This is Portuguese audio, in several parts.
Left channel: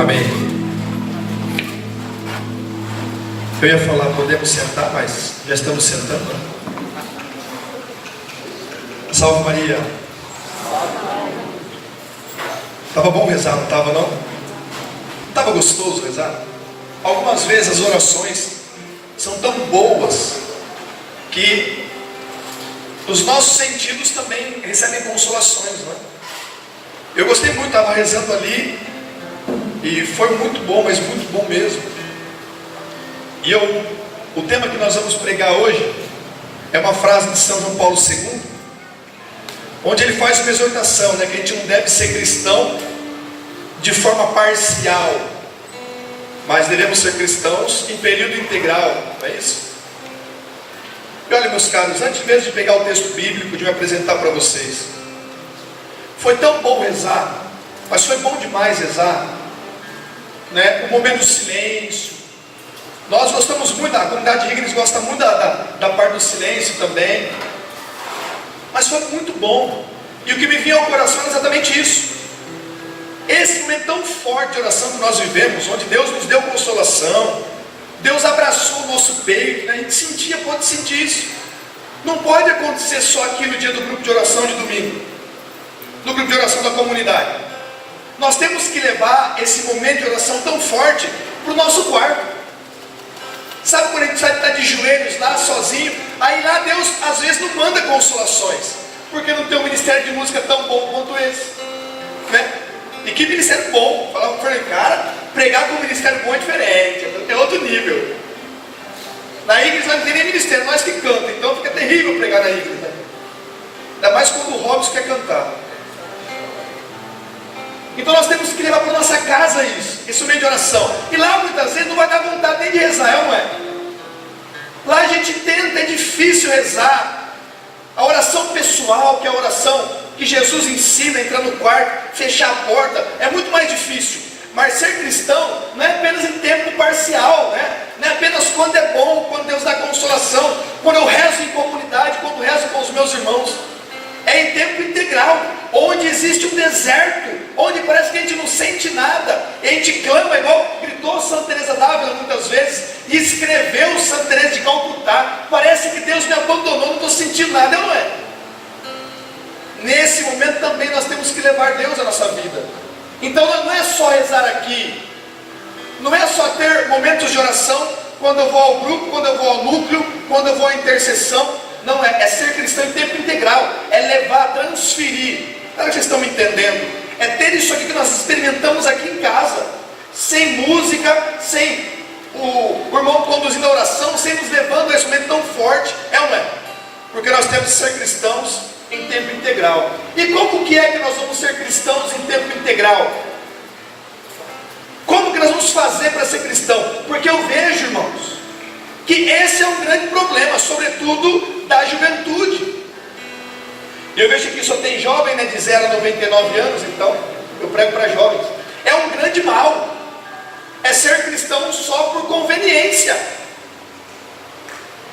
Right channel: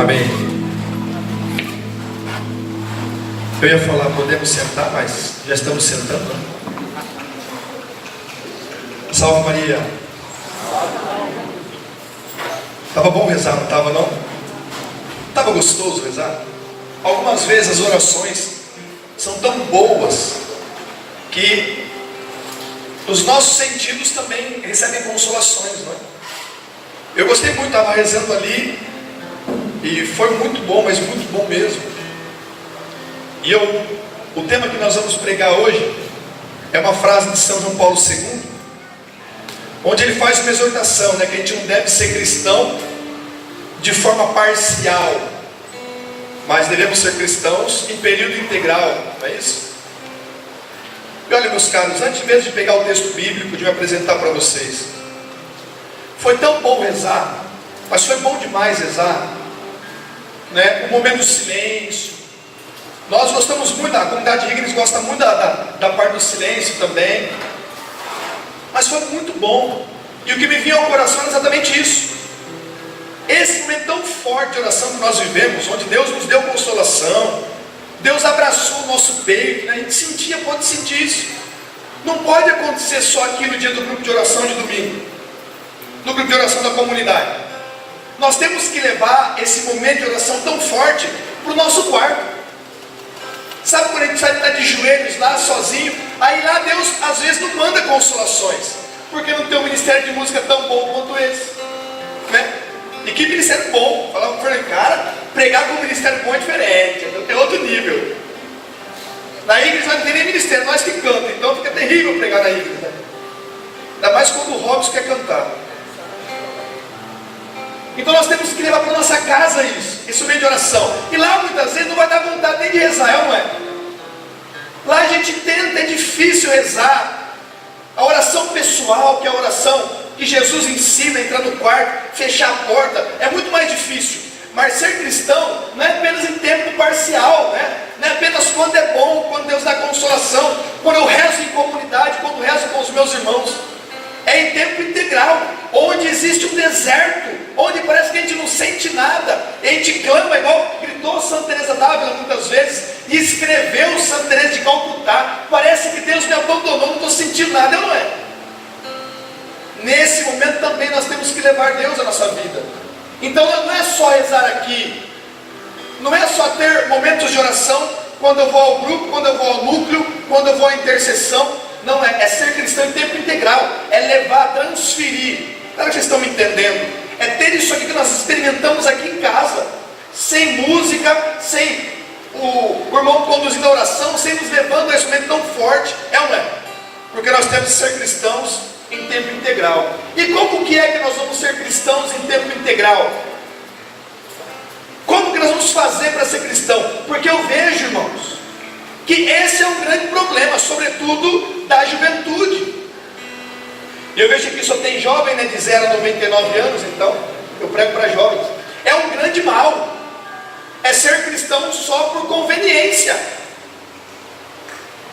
Amém. Eu ia falar, podemos sentar, mas já estamos sentando, né? Salve Maria. Estava bom rezar, não estava não? Estava gostoso rezar? Algumas vezes as orações são tão boas que os nossos sentidos também recebem consolações, não é? Eu gostei muito, estava rezando ali e foi muito bom, mas muito bom mesmo. E o tema que nós vamos pregar hoje é uma frase de São João Paulo II, onde ele faz uma exortação, né, que a gente não deve ser cristão de forma parcial, mas devemos ser cristãos em período integral, não é isso? E olha, meus caros, antes mesmo de pegar o texto bíblico, de me apresentar para vocês, foi tão bom rezar, mas foi bom demais rezar, né? O momento do silêncio. Nós gostamos muito, a comunidade de igreja gosta muito da parte do silêncio também, mas foi muito bom. E o que me veio ao coração é exatamente isso. Esse momento tão forte de oração que nós vivemos, onde Deus nos deu consolação, Deus abraçou o nosso peito, né? A gente sentia, pode sentir isso. Não pode acontecer só aqui no dia do grupo de oração de domingo, no grupo de oração da comunidade. Nós temos que levar esse momento de oração tão forte para o nosso quarto. Sabe quando a gente está de joelhos lá sozinho? Aí lá Deus às vezes não manda consolações, porque não tem um ministério de música tão bom quanto esse, né? E que ministério bom! Falava para ele, cara, pregar com um ministério bom é diferente, tem outro nível. Na igreja não tem nem ministério, nós que cantamos, então fica terrível pregar na igreja, né? Ainda mais quando o Robson quer cantar. Então nós temos que levar para a nossa casa isso, esse momento de oração. E lá muitas vezes não vai dar vontade nem de rezar, não é? Lá a gente tenta, é difícil rezar. A oração pessoal, que é a oração que Jesus ensina, entrar no quarto, fechar a porta, é muito mais difícil. Mas ser cristão não é apenas em tempo parcial, né? Não é apenas quando é bom, quando Deus dá consolação, quando eu rezo em comunidade, quando eu rezo com os meus irmãos. É em tempo integral, onde existe um deserto, onde parece que a gente não sente nada, e a gente clama, igual gritou Santa Teresa d'Ávila muitas vezes, e escreveu Santa Teresa de Calcutá. Parece que Deus me abandonou, não estou sentindo nada, não é? Nesse momento também nós temos que levar Deus à nossa vida. Então não é só rezar aqui, não é só ter momentos de oração quando eu vou ao grupo, quando eu vou ao núcleo, quando eu vou à intercessão. Não, é ser cristão em tempo integral, é levar, transferir. Será que vocês estão me entendendo? É ter isso aqui que nós experimentamos aqui em casa, sem música, sem o irmão conduzindo a oração, sem nos levando a esse momento tão forte, é ou não é? Porque nós temos que ser cristãos em tempo integral. E como que é que nós vamos ser cristãos em tempo integral? Como que nós vamos fazer para ser cristão? Porque eu vejo, irmãos, que esse é um grande problema, sobretudo da juventude. E eu vejo que só tem jovem, né, de 0 a 99 anos, então eu prego para jovens. É um grande mal. É ser cristão só por conveniência.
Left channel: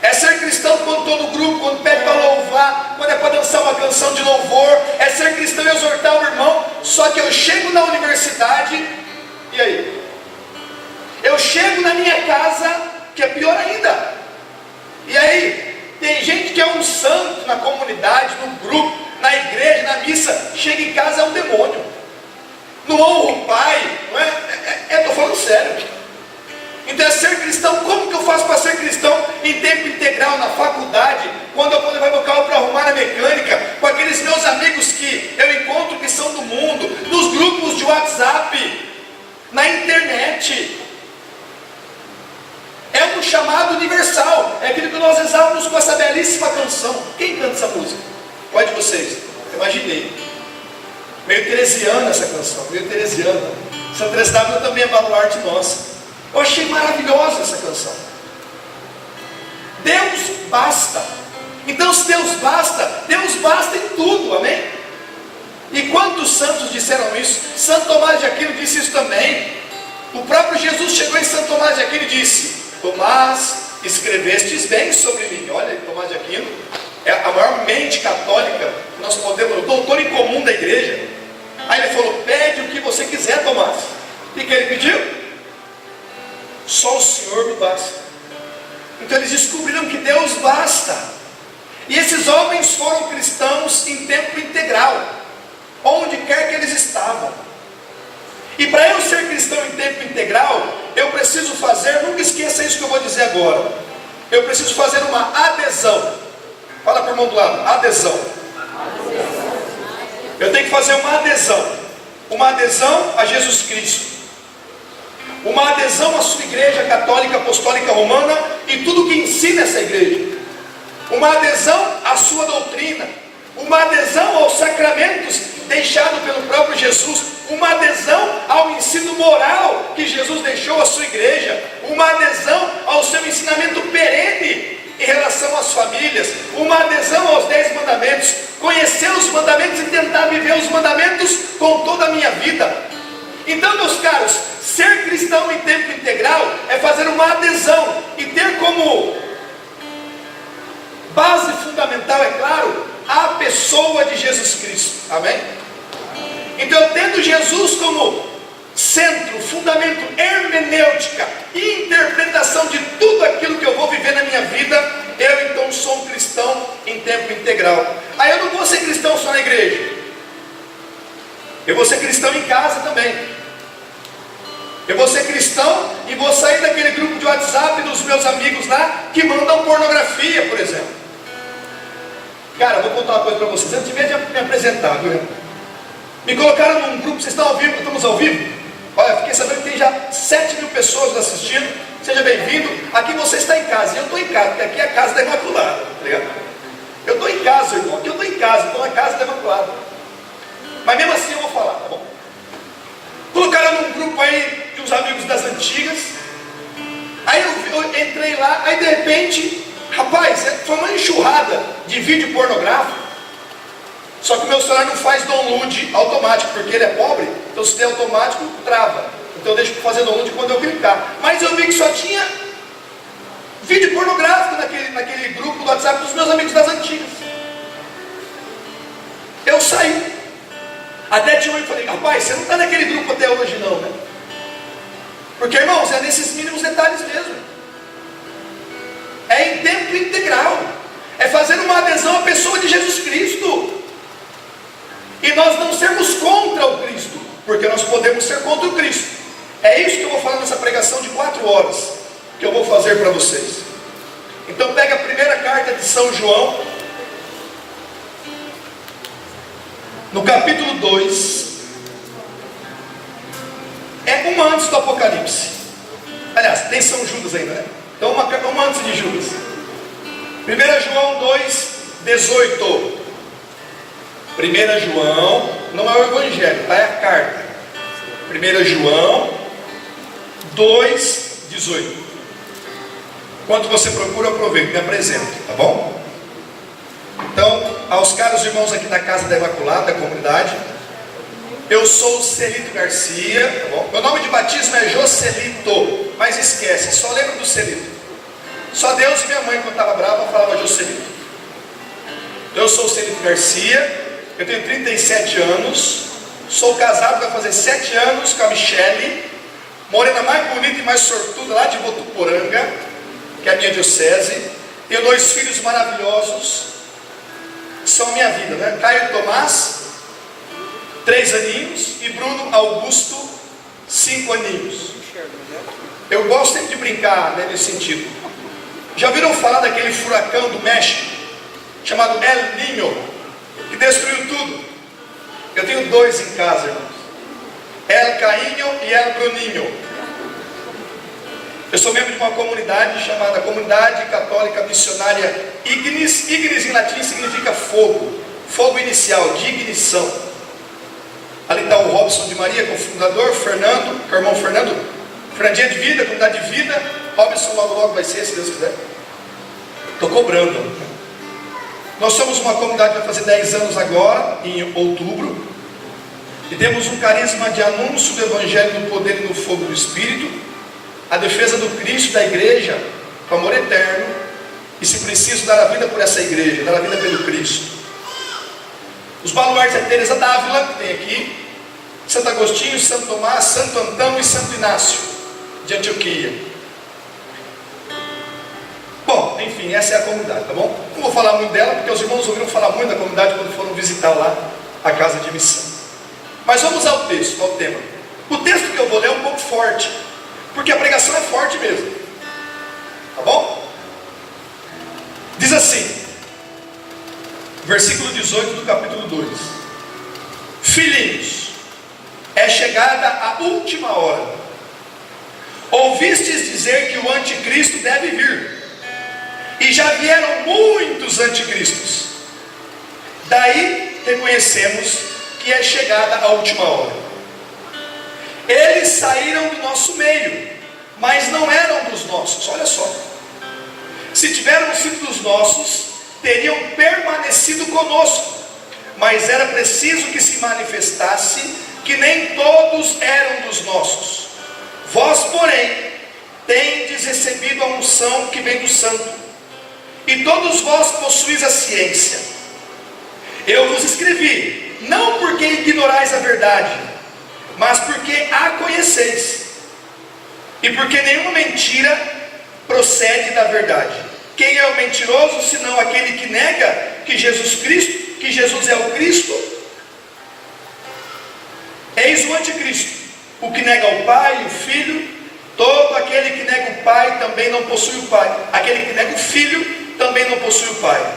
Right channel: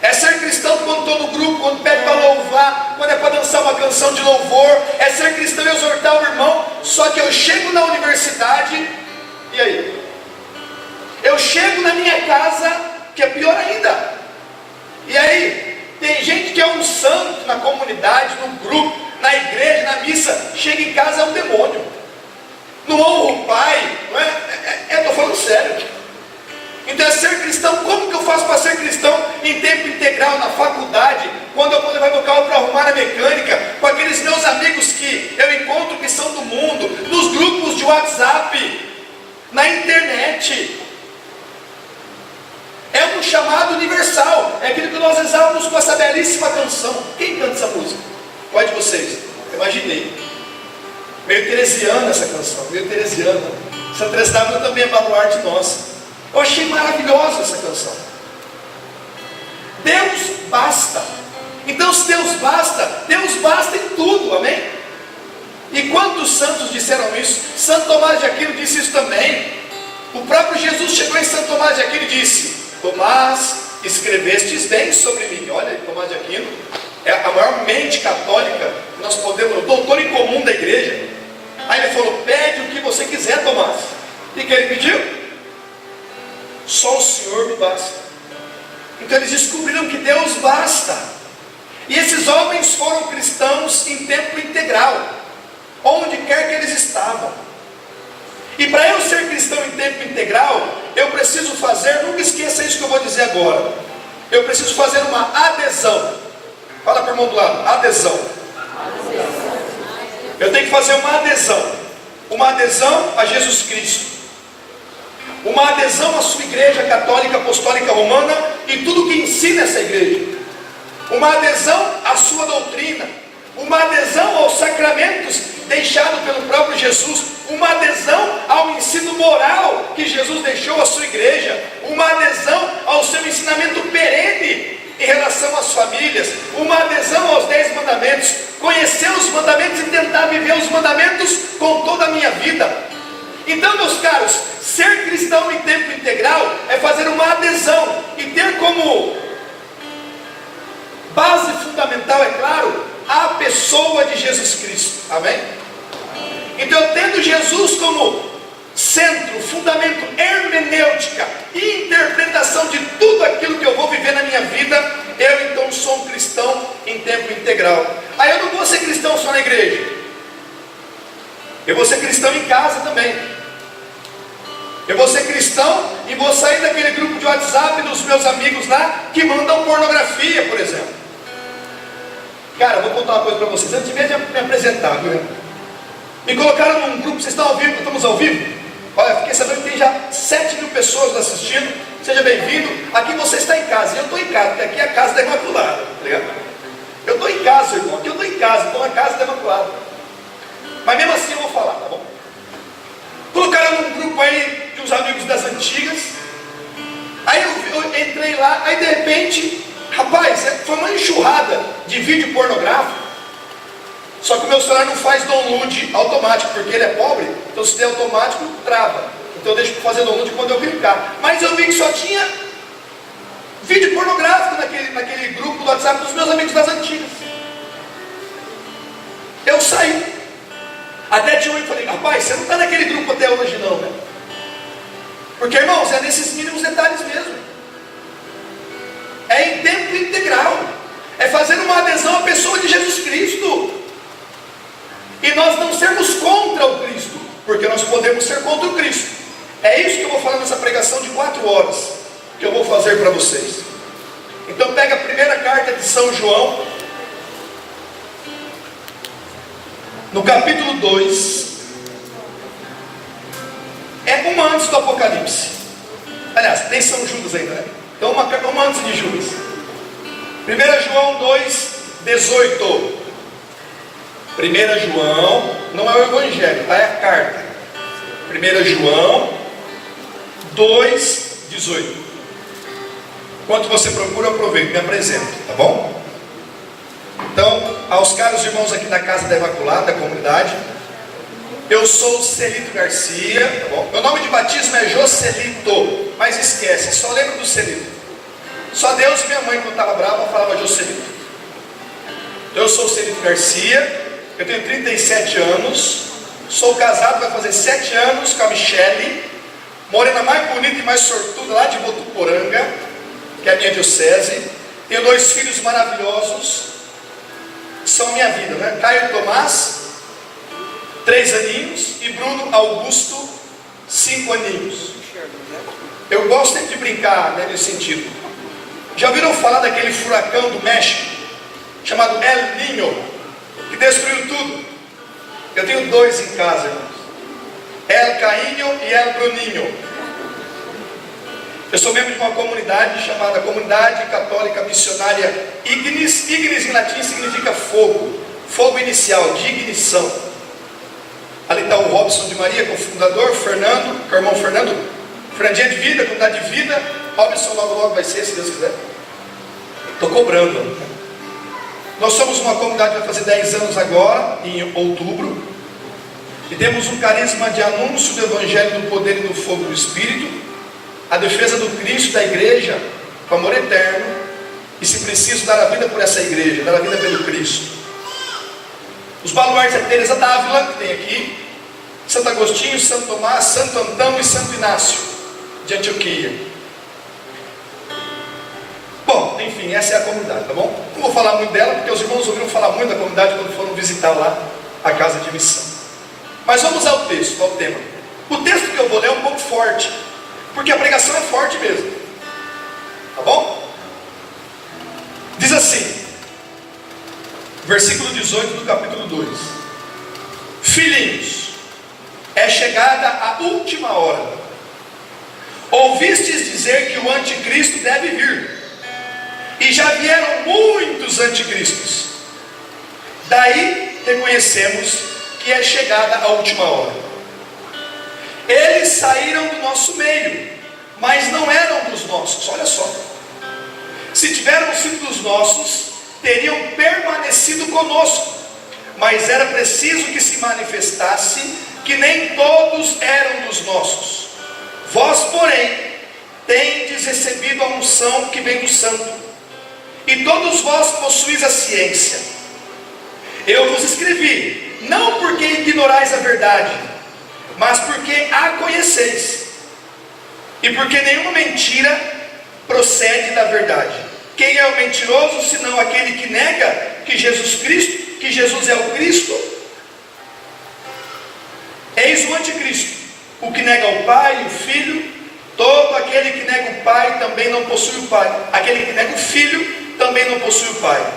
É ser cristão quando estou no grupo, quando pede para louvar, quando é para dançar uma canção de louvor. É ser cristão e exortar o irmão. Só que eu chego na universidade, e aí? Eu chego na minha casa, que é pior ainda. E aí, tem gente que é um santo na comunidade, no grupo, na igreja, na missa, chega em casa é um demônio. Não honra o pai, não é? Estou falando sério. Então é ser cristão. Como que eu faço para ser cristão em tempo integral, na faculdade, quando eu vou levar meu carro para arrumar a mecânica, com aqueles meus amigos que eu encontro que são do mundo, nos grupos de WhatsApp, na internet? É um chamado universal. É aquilo que nós rezávamos com essa belíssima canção. Quem canta essa música? Qual de vocês? Eu imaginei. Meio teresiana essa canção, meio teresiana. Santa Teresa d'Ávila também é baluarte nossa. Eu achei maravilhosa essa canção. Deus basta. Então se Deus basta em tudo, amém? E quantos santos disseram isso? Santo Tomás de Aquino disse isso também. O próprio Jesus chegou em Santo Tomás de Aquino e disse: Tomás, escrevestes bem sobre mim. Olha, Tomás de Aquino é a maior mente católica que nós podemos, o doutor em comum da igreja. Aí ele falou: pede o que você quiser, Tomás, O que ele pediu? Só o Senhor basta. Então eles descobriram que Deus basta. E esses homens foram cristãos em tempo integral, onde quer que eles estavam. E para eu ser cristão em tempo integral, eu preciso fazer, nunca esqueça isso que eu vou dizer agora, eu preciso fazer uma adesão. Fala para o irmão do lado, adesão. Eu tenho que fazer uma adesão a Jesus Cristo, uma adesão à sua igreja católica, apostólica, romana e tudo que ensina essa igreja, uma adesão à sua doutrina, uma adesão aos sacramentos deixados pelo próprio Jesus, uma adesão ao ensino moral que Jesus deixou à sua igreja, uma adesão ao seu ensinamento perene em relação às famílias, uma adesão aos 10 mandamentos, conhecer os mandamentos e tentar viver os mandamentos com toda a minha vida. Então, meus caros, ser cristão em tempo integral é fazer uma adesão e ter como base fundamental, é claro, a pessoa de Jesus Cristo. Amém? Então, eu tendo Jesus como centro, fundamento, hermenêutica e interpretação de tudo aquilo que eu vou viver na minha vida, eu então sou um cristão em tempo integral. Aí eu não vou ser cristão só na igreja, eu vou ser cristão em casa também. Eu vou ser cristão e vou sair daquele grupo de WhatsApp dos meus amigos lá que mandam pornografia, por exemplo. Cara, eu vou contar uma coisa para vocês, antes mesmo de me apresentar, viu? Me colocaram num grupo, vocês estão ao vivo, estamos ao vivo? Olha, fiquei sabendo que tem já 7.000 pessoas assistindo, seja bem-vindo. Aqui você está em casa, e eu estou em casa, porque aqui é a casa da Imaculada, tá ligado? Eu estou em casa, irmão, aqui eu estou em casa, então é a casa da Imaculada. Mas mesmo assim eu vou falar, tá bom? Colocaram num grupo aí de uns amigos das antigas, aí eu entrei lá, aí de repente, rapaz, foi uma enxurrada de vídeo pornográfico. Só que o meu celular não faz download automático, porque ele é pobre, então se tem automático, trava. Então eu deixo para fazer download quando eu clicar. Mas eu vi que só tinha vídeo pornográfico naquele grupo do WhatsApp dos meus amigos das antigas. Eu saí. Até tinha um que falei, rapaz, você não está naquele grupo até hoje não, né? Porque, irmãos, é nesses mínimos detalhes mesmo. É em tempo integral. É fazer uma adesão à pessoa de Jesus Cristo. E nós não sermos contra o Cristo, porque nós podemos ser contra o Cristo. É isso que eu vou falar nessa pregação de 4 horas, que eu vou fazer para vocês. Então pega a primeira carta de São João, no capítulo 2, é uma antes do Apocalipse. Aliás, tem São Judas ainda, né? Então uma antes de Judas. 1 João 2, 18. 1 João, não é o Evangelho, tá? É a carta. 1 João 2, 18. Enquanto você procura, aproveita, me apresento, tá bom? Então, aos caros irmãos aqui na Casa da Imaculada, da comunidade, eu sou o Celito Garcia, tá bom? Meu nome de batismo é Joselito, mas esquece, só lembro do Celito. Só Deus e minha mãe, quando estava brava, falava Joselito. Eu sou o Celito Garcia, eu tenho 37 anos, sou casado, vai fazer 7 anos com a Michele, morena mais bonita e mais sortuda lá de Votuporanga, que é a minha diocese. Tenho 2 filhos maravilhosos, que são minha vida, né? Caio Tomás, 3 aninhos, e Bruno Augusto, 5 aninhos. Eu gosto sempre de brincar, né, nesse sentido. Já ouviram falar daquele furacão do México, chamado El Niño, que destruiu tudo? Eu tenho 2 em casa, irmãos. El Cainho e El Bruninho. Eu sou membro de uma comunidade chamada Comunidade Católica Missionária Ignis. Ignis em latim significa fogo, fogo inicial, de ignição. Ali está o Robson de Maria, com o fundador, Fernando, com o irmão Fernando, Frandinha de Vida, Comunidade de Vida. Robson logo vai ser, se Deus quiser. Estou cobrando. Nós somos uma comunidade que vai fazer 10 anos agora, em outubro, e temos um carisma de anúncio do Evangelho do poder e do fogo do Espírito, a defesa do Cristo e da igreja, com amor eterno, e se preciso dar a vida por essa igreja, dar a vida pelo Cristo. Os baluartes da Teresa d'Ávila, que tem aqui, Santo Agostinho, Santo Tomás, Santo Antão e Santo Inácio de Antioquia. Bom, enfim, essa é a comunidade, tá bom? Não vou falar muito dela, porque os irmãos ouviram falar muito da comunidade quando foram visitar lá a casa de missão. Mas vamos ao texto, ao tema. O texto que eu vou ler é um pouco forte, porque a pregação é forte mesmo, tá bom? Diz assim, versículo 18 do capítulo 2: Filhinhos, é chegada a última hora. Ouvistes dizer que o anticristo deve vir, e já vieram muitos anticristos. Daí reconhecemos que é chegada a última hora. Eles saíram do nosso meio, mas não eram dos nossos. Olha só, se tiveram sido dos nossos, teriam permanecido conosco, mas era preciso que se manifestasse que nem todos eram dos nossos. Vós, porém, tendes recebido a unção que vem do Santo, e todos vós possuís a ciência. Eu vos escrevi, não porque ignorais a verdade, mas porque a conheceis, e porque nenhuma mentira procede da verdade. Quem é o mentiroso, senão aquele que nega que Jesus é o Cristo? Eis o anticristo, o que nega o Pai e o Filho. Todo aquele que nega o Pai também não possui o Pai. Aquele que nega o Filho também não possui o Pai.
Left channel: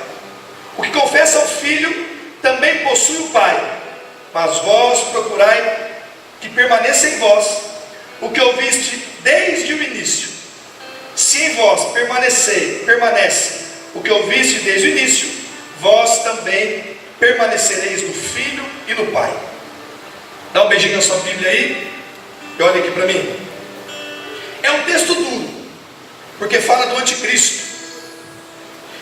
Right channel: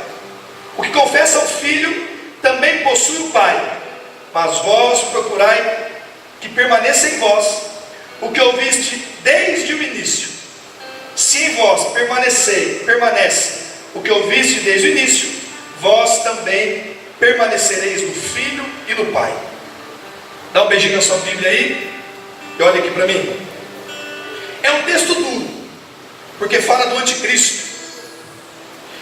O que confessa o Filho também possui o Pai. Mas vós procurai que permaneça em vós o que ouviste desde o início. Se em vós permanece o que ouviste desde o início, vós também permanecereis no Filho e no Pai. Dá um beijinho na sua Bíblia aí e olha aqui para mim. É um texto duro, porque fala do anticristo.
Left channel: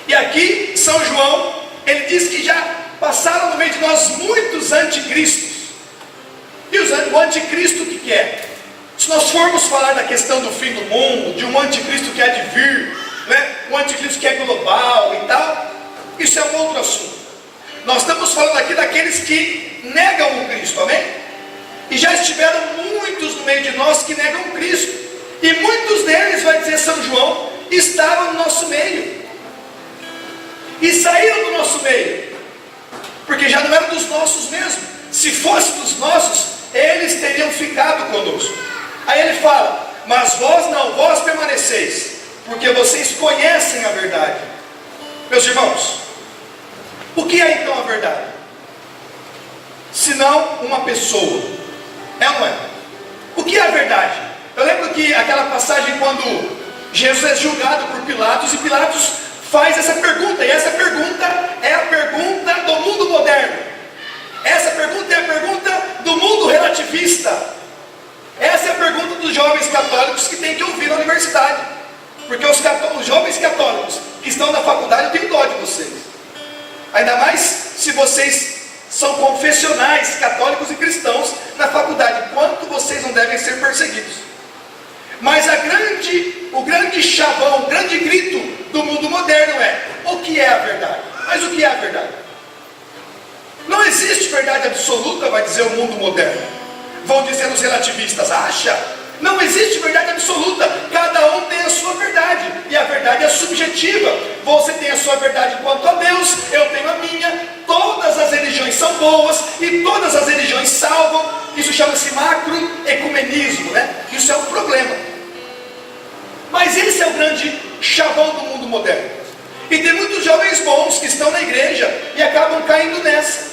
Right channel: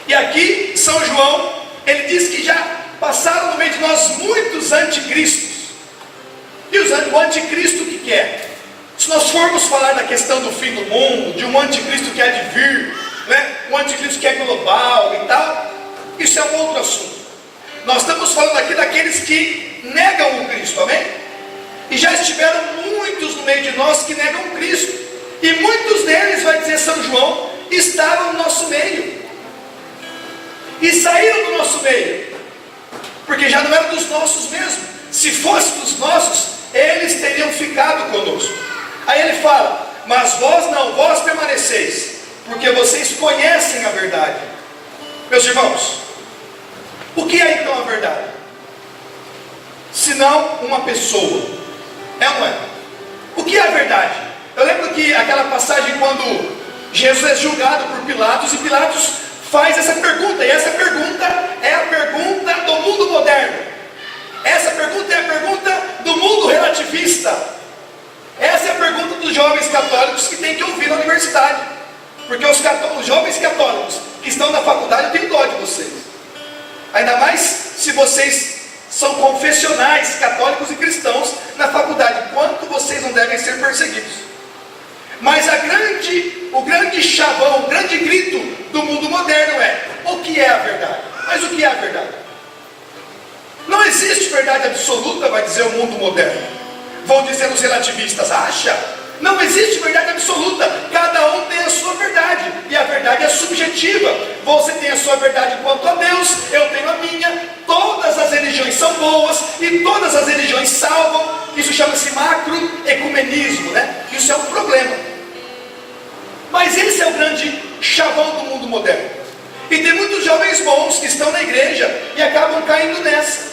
E aqui, São João, ele diz que já passaram no meio de nós muitos anticristos. E o anticristo, o que é? Se nós formos falar da questão do fim do mundo, de um anticristo que há de vir, né? Um anticristo que é global e tal, isso é um outro assunto. Nós estamos falando aqui daqueles que negam o Cristo, amém? E já estiveram muitos no meio de nós que negam o Cristo, e muitos deles, vai dizer São João, estavam no nosso meio, e saíram do nosso meio, porque já não eram dos nossos mesmo. Se fosse dos nossos, eles teriam ficado conosco. Aí ele fala, mas vós não, vós permaneceis, porque vocês conhecem a verdade. Meus irmãos, o que é então a verdade? Senão uma pessoa, é ou não é? O que é a verdade? Eu lembro que aquela passagem quando Jesus é julgado por Pilatos, e Pilatos faz essa pergunta, e essa pergunta é a pergunta do mundo moderno. Essa pergunta é a pergunta do mundo relativista. Essa é a pergunta dos jovens católicos que tem que ouvir na universidade. Porque os jovens católicos que estão na faculdade têm dó de vocês. Ainda mais se vocês são confessionais, católicos e cristãos na faculdade. Quanto vocês não devem ser perseguidos. Mas o grande chavão, o grande grito do mundo moderno é: o que é a verdade? Mas o que é a verdade? Não existe verdade absoluta, vai dizer o mundo moderno. Vão dizer os relativistas, acha? Não existe verdade absoluta. Cada um tem a sua verdade, e a verdade é subjetiva. Você tem a sua verdade quanto a Deus, eu tenho a minha. Todas as religiões são boas, e todas as religiões salvam. Isso chama-se macroecumenismo, né? Isso é um problema. Mas esse é o grande chavão do mundo moderno. E tem muitos jovens bons que estão na igreja e acabam caindo nessa.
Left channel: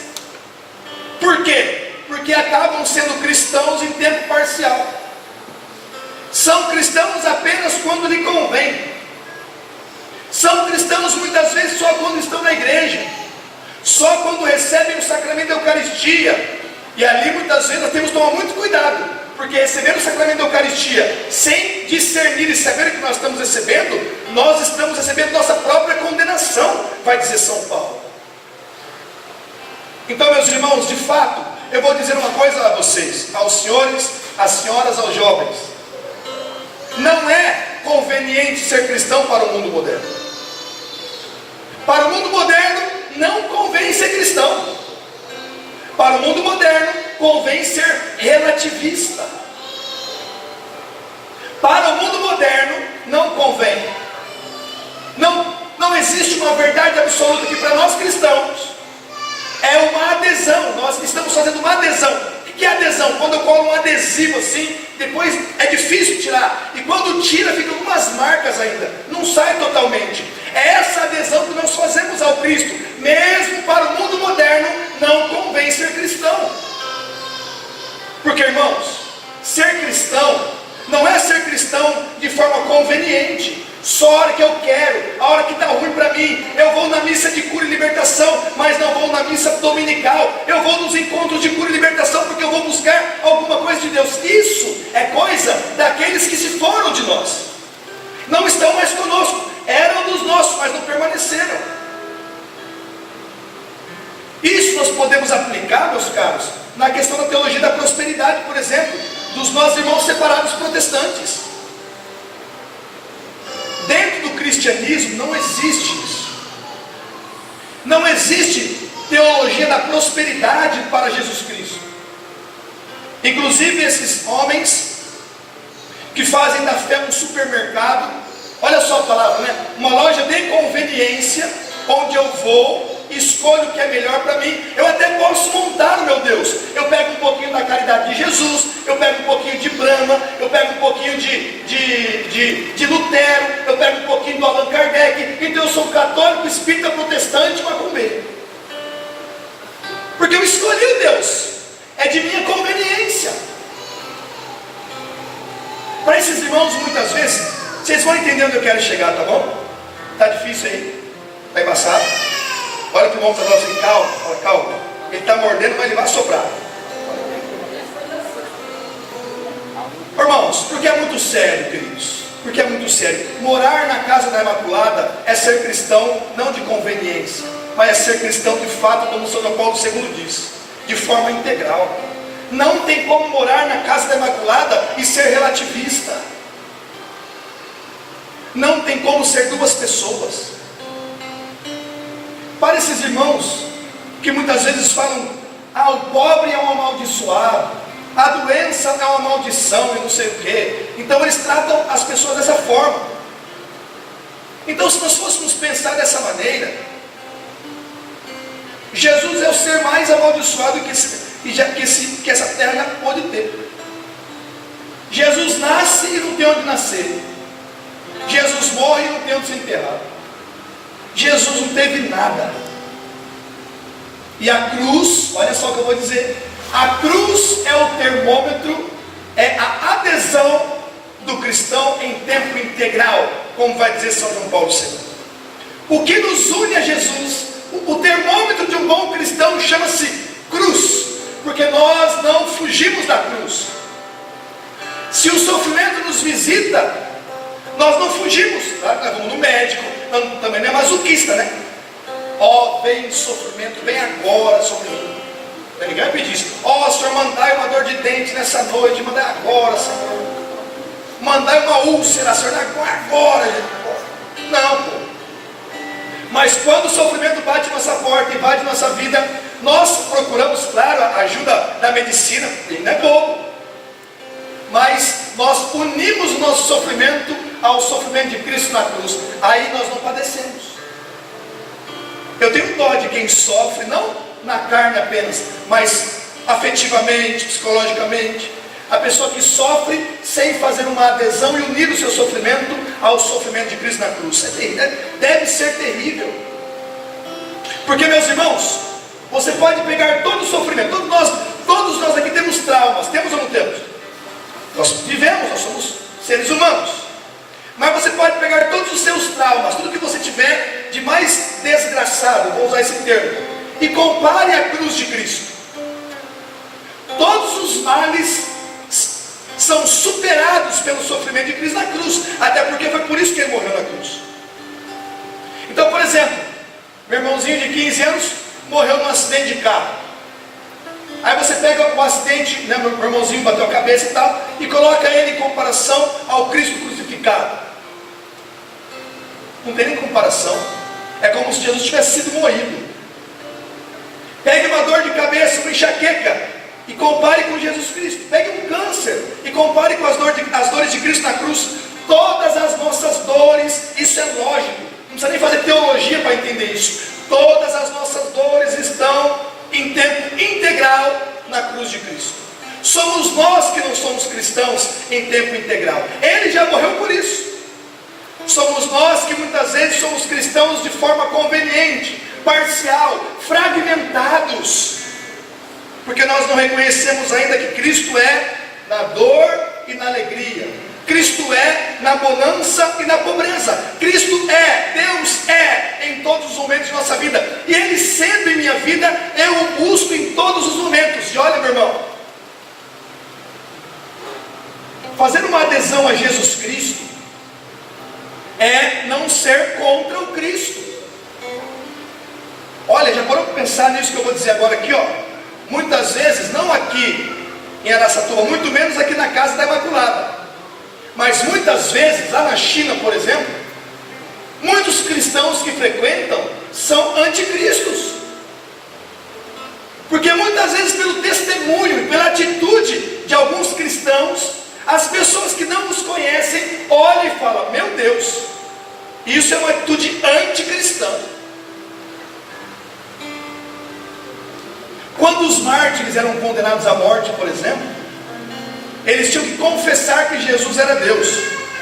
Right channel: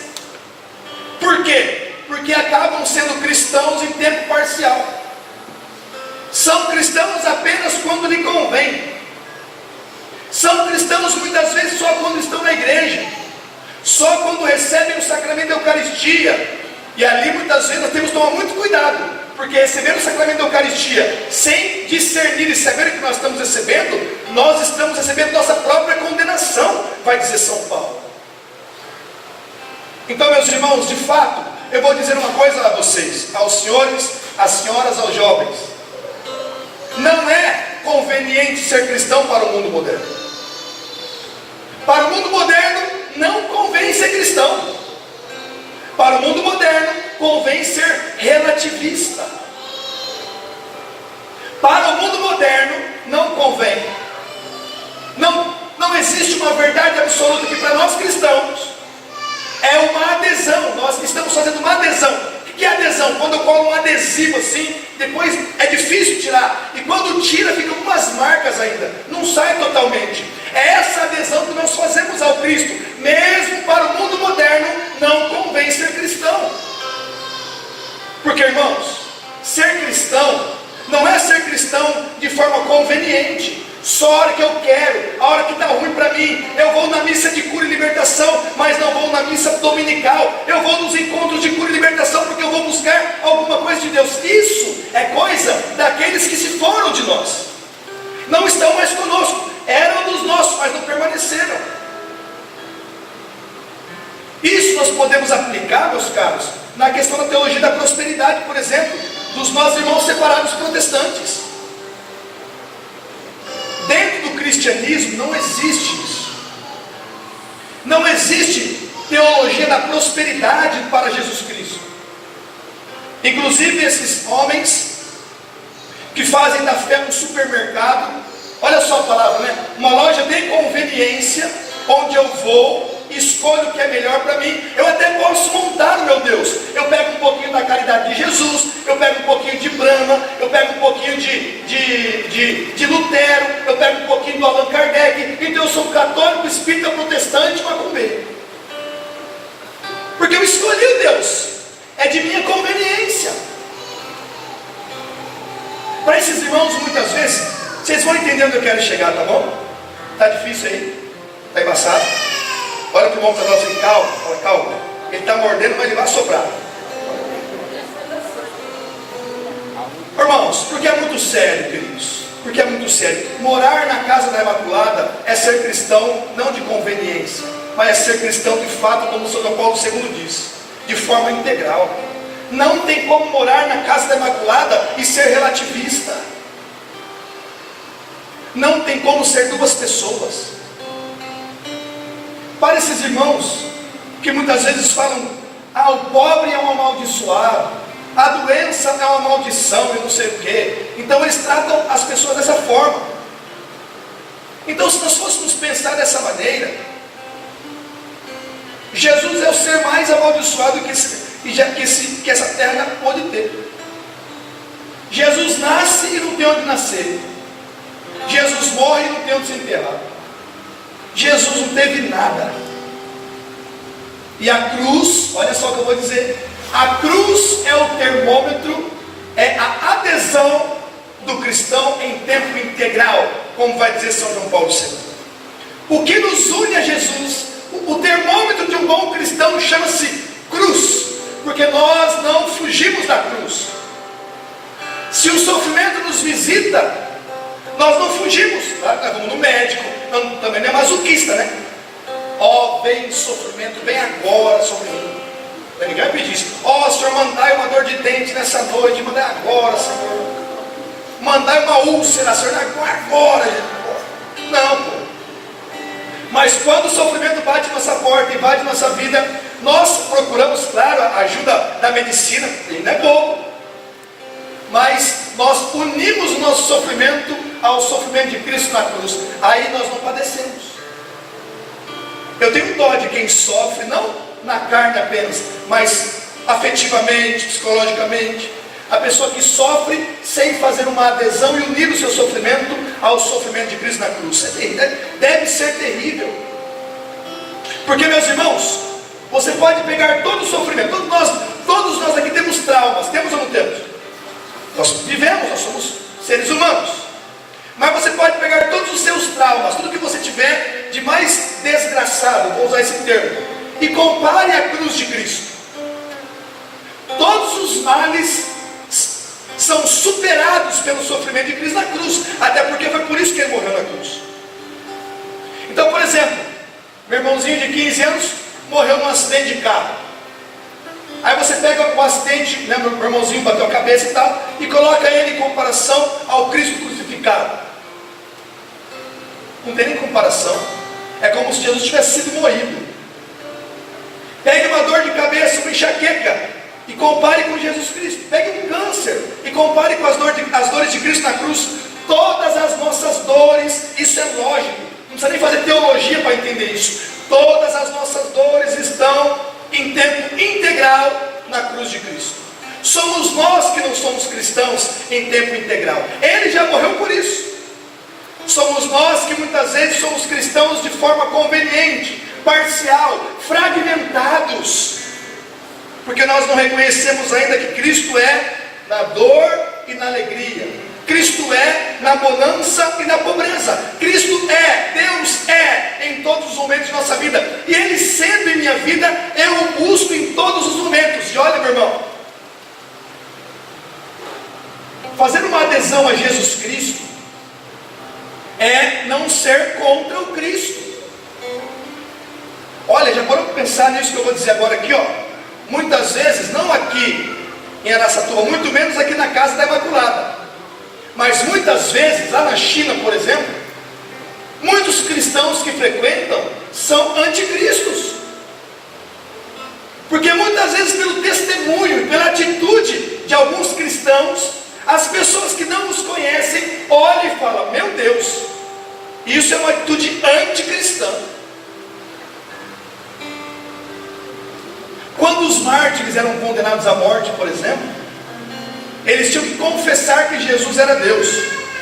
Por quê? Porque acabam sendo cristãos em tempo parcial. São cristãos apenas quando lhe convém. São cristãos muitas vezes só quando estão na igreja, só quando recebem o sacramento da Eucaristia. E ali muitas vezes nós temos que tomar muito cuidado, porque receber o sacramento da Eucaristia sem discernir e saber o que nós estamos recebendo, nós estamos recebendo nossa própria condenação, vai dizer São Paulo. Então, meus irmãos, de fato, eu vou dizer uma coisa a vocês, aos senhores, às senhoras, aos jovens: não é conveniente ser cristão para o mundo moderno. Para o mundo moderno não convém ser cristão. Para o mundo moderno convém ser relativista. Para o mundo moderno, não convém. Não existe uma verdade absoluta que para nós cristãos é uma adesão. Nós estamos fazendo uma adesão. O que é adesão? Quando eu colo um adesivo assim, depois é difícil tirar. E quando tira, ficam algumas marcas ainda. Não sai totalmente. É essa adesão que nós fazemos ao Cristo. Mesmo para o mundo moderno, não convém ser cristão. Porque, irmãos, ser cristão não é ser cristão de forma conveniente. Só a hora que eu quero, a hora que está ruim para mim. Eu vou na missa de cura e libertação, mas não vou na missa dominical. Eu vou nos encontros de cura e libertação porque eu vou buscar alguma coisa de Deus. Isso é coisa daqueles que se foram de nós. Não estão mais conosco. Eram dos nossos, mas não permaneceram. Isso nós podemos aplicar, meus caros, na questão da teologia da prosperidade, por exemplo, dos nossos irmãos separados protestantes. Dentro do cristianismo não existe isso. Não existe teologia da prosperidade para Jesus Cristo. Inclusive esses homens que fazem da fé um supermercado, olha só a palavra, né? Uma loja de conveniência, onde eu vou, escolho o que é melhor para mim. Eu até posso montar, meu Deus. Eu pego um pouquinho da caridade de Jesus, eu pego um pouquinho de Brahma, eu pego um pouquinho de Lutero, eu pego um pouquinho do Allan Kardec. Então eu sou católico, espírita, protestante, macumbeiro. Porque eu escolhi Deus. É de minha conveniência. Para esses irmãos, muitas vezes, vocês vão entender onde eu quero chegar, tá bom? Tá difícil aí? Tá embaçado? Olha que o irmão está falando assim, calma, calma. Ele está mordendo, mas ele vai soprar. Irmãos, porque é muito sério, queridos. Porque é muito sério. Morar na casa da Imaculada é ser cristão, não de conveniência, mas é ser cristão de fato, como o São João Paulo II diz, de forma integral. Não tem como morar na casa da Imaculada e ser relativista. Não tem como ser duas pessoas. Para esses irmãos que muitas vezes falam, o pobre é um amaldiçoado, a doença é uma maldição e não sei o quê. Então eles tratam as pessoas dessa forma. Então, se nós fôssemos pensar dessa maneira, Jesus é o ser mais amaldiçoado que essa terra pode ter. Jesus nasce e não tem onde nascer. Jesus morre e não tem onde se enterrar. Jesus não teve nada. E a cruz, olha só o que eu vou dizer, a cruz é o termômetro, é a adesão do cristão em tempo integral, como vai dizer São João Paulo II. O que nos une a Jesus, o termômetro de um bom cristão chama-se cruz, porque nós não fugimos da cruz. Se o sofrimento nos visita, nós não fugimos, tá? Nós vamos no médico, também não é masoquista, né? Veio o sofrimento, vem agora, sofrimento. Ninguém pediu isso. Senhor, mandai uma dor de dente nessa noite, mandai agora, Senhor. Mandai uma úlcera, Senhor, agora. Não, pô. Mas quando o sofrimento bate nossa porta, invade nossa vida, nós procuramos, claro, a ajuda da medicina, ele não é bom. Mas nós unimos o nosso sofrimento ao sofrimento de Cristo na cruz. Aí nós não padecemos. Eu tenho dó de quem sofre, não na carne apenas, mas afetivamente, psicologicamente. A pessoa que sofre sem fazer uma adesão e unir o seu sofrimento ao sofrimento de Cristo na cruz. Deve ser terrível. Porque, meus irmãos, você pode pegar todo o sofrimento. Todos nós aqui temos traumas. Temos ou não temos? Nós vivemos, nós somos seres humanos. Mas você pode pegar todos os seus traumas, tudo que você tiver de mais desgraçado, vou usar esse termo, e compare a cruz de Cristo. Todos os males são superados pelo sofrimento de Cristo na cruz, até porque foi por isso que ele morreu na cruz. Então, por exemplo, meu irmãozinho de 15 anos morreu num acidente de carro. Aí você pega o acidente, né, meu irmãozinho bateu a cabeça e tal, e coloca ele em comparação ao Cristo crucificado. Não tem nem comparação. É como se Jesus tivesse sido morrido. Pega uma dor de cabeça, uma enxaqueca. e compare com Jesus Cristo. Pegue um câncer e compare com as dores de Cristo na cruz. Todas as nossas dores, isso é lógico, não precisa nem fazer teologia para entender isso. Todas as nossas dores estão em tempo integral na cruz de Cristo. Somos nós que não somos cristãos em tempo integral. Ele já morreu por isso. Somos nós que muitas vezes somos cristãos de forma conveniente, parcial, fragmentados, porque nós não reconhecemos ainda que Cristo é na dor e na alegria. Cristo é na bonança e na pobreza. Cristo é, Deus é em todos os momentos de nossa vida. E Ele sendo em minha vida, eu o busco em todos os momentos. E olha, meu irmão, fazer uma adesão a Jesus Cristo é não ser contra o Cristo. Olha, já parou para pensar nisso que eu vou dizer agora aqui, ó. Muitas vezes, não aqui em Araçatuba, muito menos aqui na Casa da Imaculada, mas muitas vezes, lá na China, por exemplo, muitos cristãos que frequentam são anticristos. Porque muitas vezes, pelo testemunho, pela atitude de alguns cristãos, as pessoas que não nos conhecem olham e falam: meu Deus, isso é uma atitude anticristã. Quando os mártires eram condenados à morte, por exemplo, eles tinham que confessar que Jesus era Deus.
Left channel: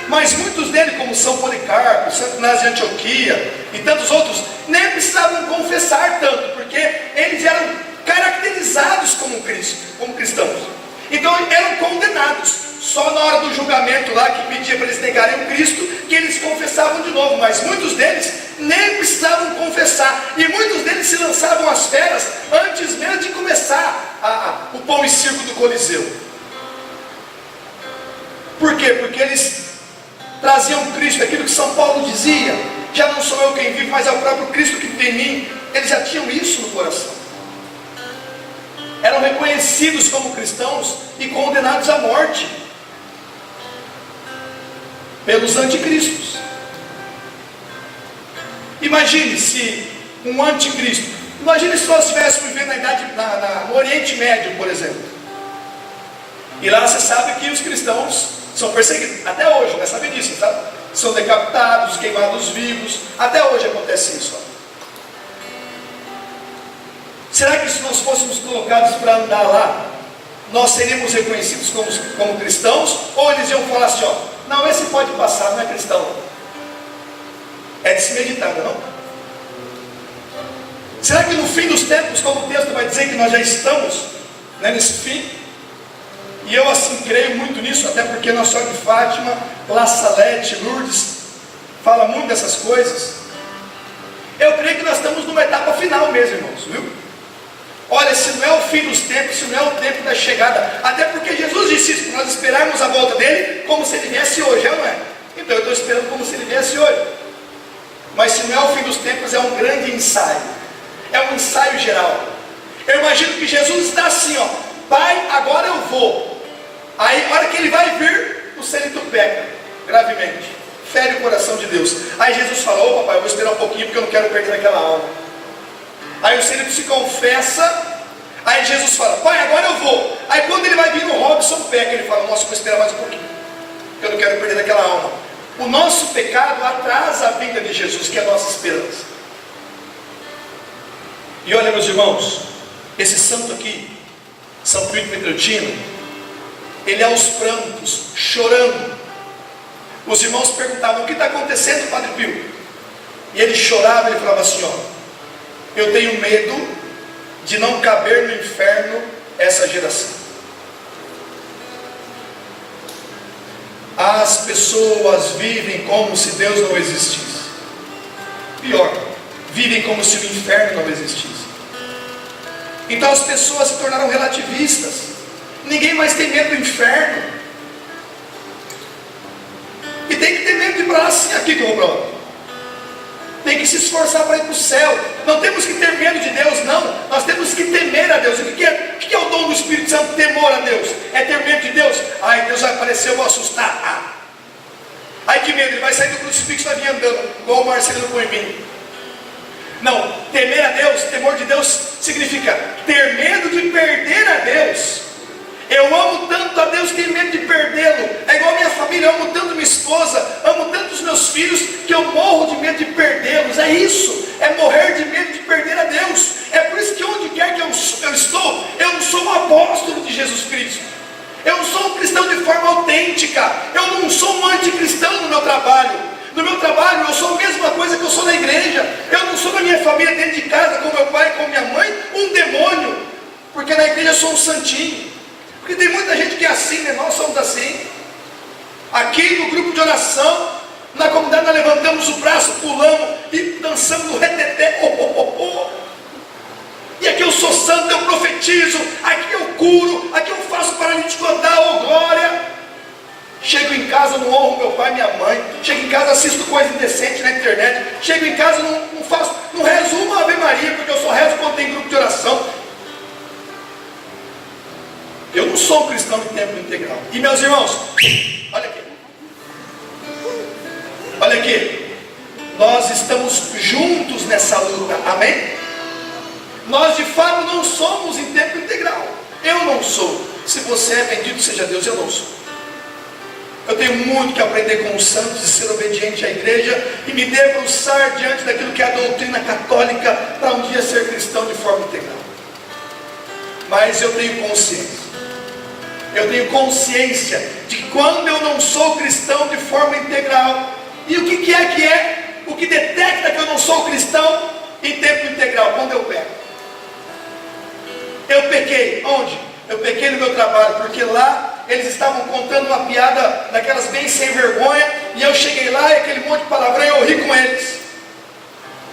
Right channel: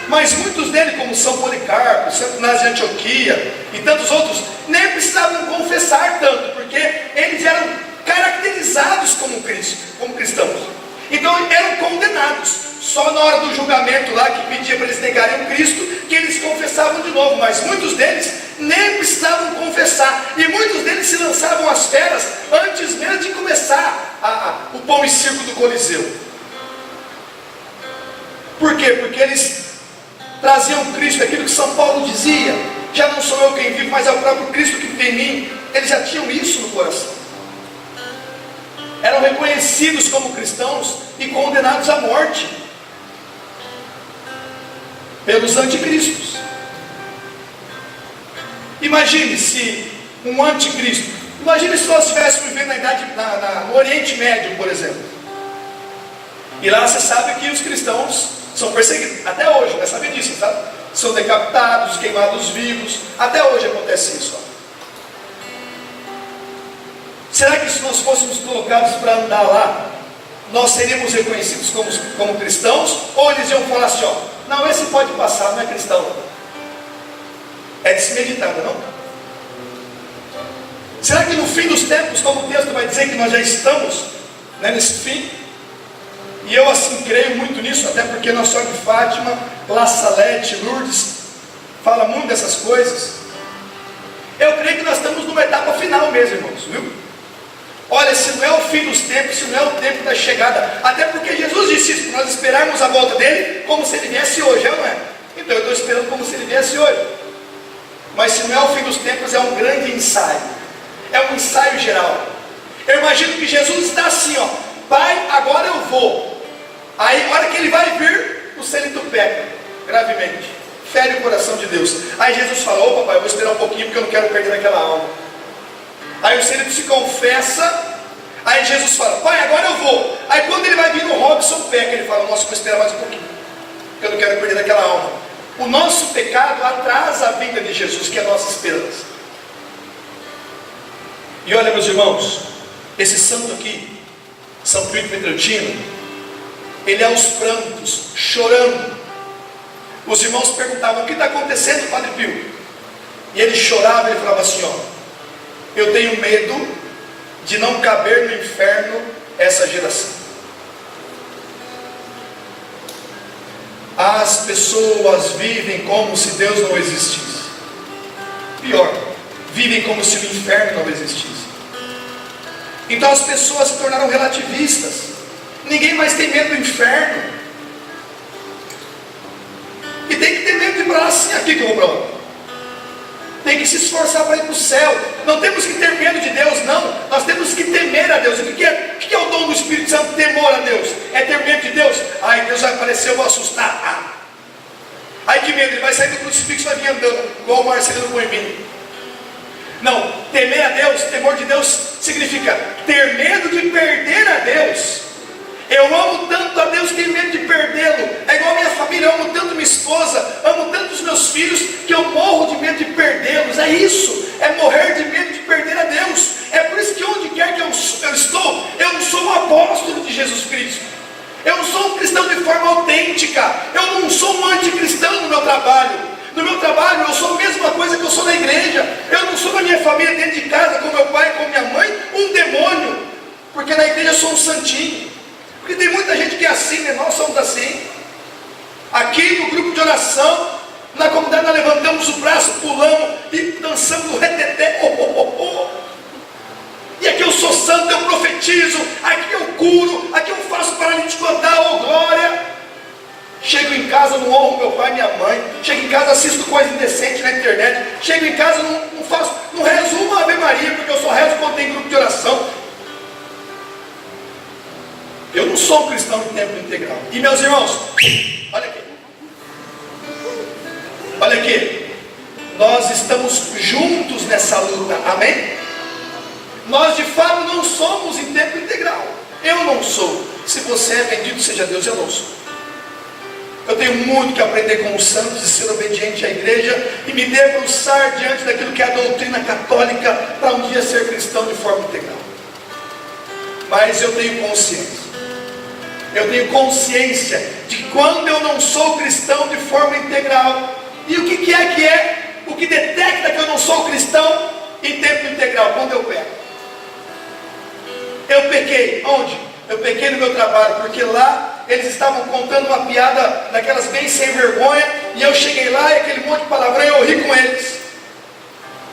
Mas muitos deles, como São Policarpo, Santo Inácio de Antioquia e tantos outros, nem precisavam confessar tanto, porque eles eram caracterizados como cristãos. Então eram condenados. Só na hora do julgamento lá, que pedia para eles negarem o Cristo, que eles confessavam de novo. Mas muitos deles nem precisavam confessar. E muitos deles se lançavam às feras antes mesmo de começar o pão e circo do Coliseu. Por quê? Porque eles traziam Cristo, aquilo que São Paulo dizia: já não sou eu quem vive, mas é o próprio Cristo que vive em mim. Eles já tinham isso no coração. Eram reconhecidos como cristãos e condenados à morte pelos anticristos. Imagine se um anticristo, imagine se nós estivéssemos vivendo no Oriente Médio, por exemplo. E lá você sabe que os cristãos são perseguidos, até hoje, já sabe disso, sabe? São decapitados, queimados vivos, até hoje acontece isso. Será que se nós fôssemos colocados para andar lá, nós seríamos reconhecidos como cristãos? Ou eles iam falar assim, ó: não, esse pode passar, não é cristão. É de se meditar, não? Será que no fim dos tempos, como o texto vai dizer que nós já estamos, né, nesse fim? E eu assim creio muito nisso, até porque Nossa Senhora de Fátima, La Salete, Lourdes, fala muito dessas coisas. Eu creio que nós estamos numa etapa final mesmo, irmãos, viu? Olha, se não é o fim dos tempos, se não é o tempo da chegada, até porque Jesus disse isso, nós esperarmos a volta dele como se ele viesse hoje, não é? Então eu estou esperando como se ele viesse hoje. Mas se não é o fim dos tempos, é um grande ensaio, é um ensaio geral. Eu imagino que Jesus está assim, ó: Pai, agora eu vou. Aí, na hora que ele vai vir, o Celito peca gravemente, fere o coração de Deus. Aí Jesus fala: ô papai, eu vou esperar um pouquinho porque eu não quero perder aquela alma. Aí o Celito se confessa. Aí Jesus fala: pai, agora eu vou. Aí quando ele vai vir, o Robson peca. Ele fala: nossa, eu vou esperar mais um pouquinho, eu não quero perder aquela alma. O nosso pecado atrasa a vinda de Jesus, que é a nossa esperança. E olha, meus irmãos, esse santo aqui, São Pio Pietrelcino, ele aos prantos, chorando. Os irmãos perguntavam: o que está acontecendo, Padre Pio? E ele chorava e falava assim: ó, eu tenho medo de não caber no inferno essa geração. As pessoas vivem como se Deus não existisse. Pior, vivem como se o inferno não existisse. Então as pessoas se tornaram relativistas. Ninguém mais tem medo do inferno. E tem que ter medo de ir para lá assim, aqui que eu vou para lá. Tem que se esforçar para ir para o céu. Não temos que ter medo de Deus, não. Nós temos que temer a Deus. O que é o dom do Espírito Santo? Temor a Deus. É ter medo de Deus. Ai, Deus vai aparecer, eu vou assustar. Ai, que medo, ele vai sair do crucifixo e vai vir andando, igual o Marcelino Coelhinho. Não, temer a Deus, temor de Deus, significa ter medo de perder a Deus. Eu amo tanto a Deus, tenho medo de perdê-lo. É igual a minha família, eu amo tanto minha esposa, amo tanto os meus filhos, que eu morro de medo de perdê-los. É isso, é morrer de medo de perder a Deus. É por isso que onde quer que eu estou, eu não sou um apóstolo de Jesus Cristo. Eu não sou um cristão de forma autêntica. Eu não sou um anticristão no meu trabalho. No meu trabalho eu sou a mesma coisa que eu sou na igreja. Eu não sou na minha família, dentro de casa, com meu pai, com minha mãe, um demônio. Porque na igreja eu sou um santinho. Porque tem muita gente que é assim, né? Nós somos assim. Aqui no grupo de oração, na comunidade nós levantamos o braço, pulamos e dançamos no reteté. Oh, oh, oh, oh. E aqui eu sou santo, eu profetizo. Aqui eu curo, aqui eu faço paralítico andar, oh glória. Chego em casa, não honro meu pai e minha mãe. Chego em casa, assisto coisa indecente na internet. Chego em casa, não rezo uma Ave Maria, porque eu só rezo quando tem grupo de oração. Eu não sou um cristão de tempo integral. E meus irmãos, olha aqui. Olha aqui. Nós estamos juntos nessa luta, amém? Nós de fato não somos em tempo integral. Eu não sou. Se você é, bendito seja Deus, eu não sou. Eu tenho muito que aprender com os santos e ser obediente à igreja e me debruçar diante daquilo que é a doutrina católica para um dia ser cristão de forma integral. Mas eu tenho consciência. Eu tenho consciência de quando eu não sou cristão de forma integral. E o que é o que detecta que eu não sou cristão em tempo integral? Quando eu peco. Eu pequei. Onde? Eu pequei no meu trabalho, porque lá eles estavam contando uma piada daquelas bem sem vergonha, e eu cheguei lá e aquele monte de palavrão, eu ri com eles.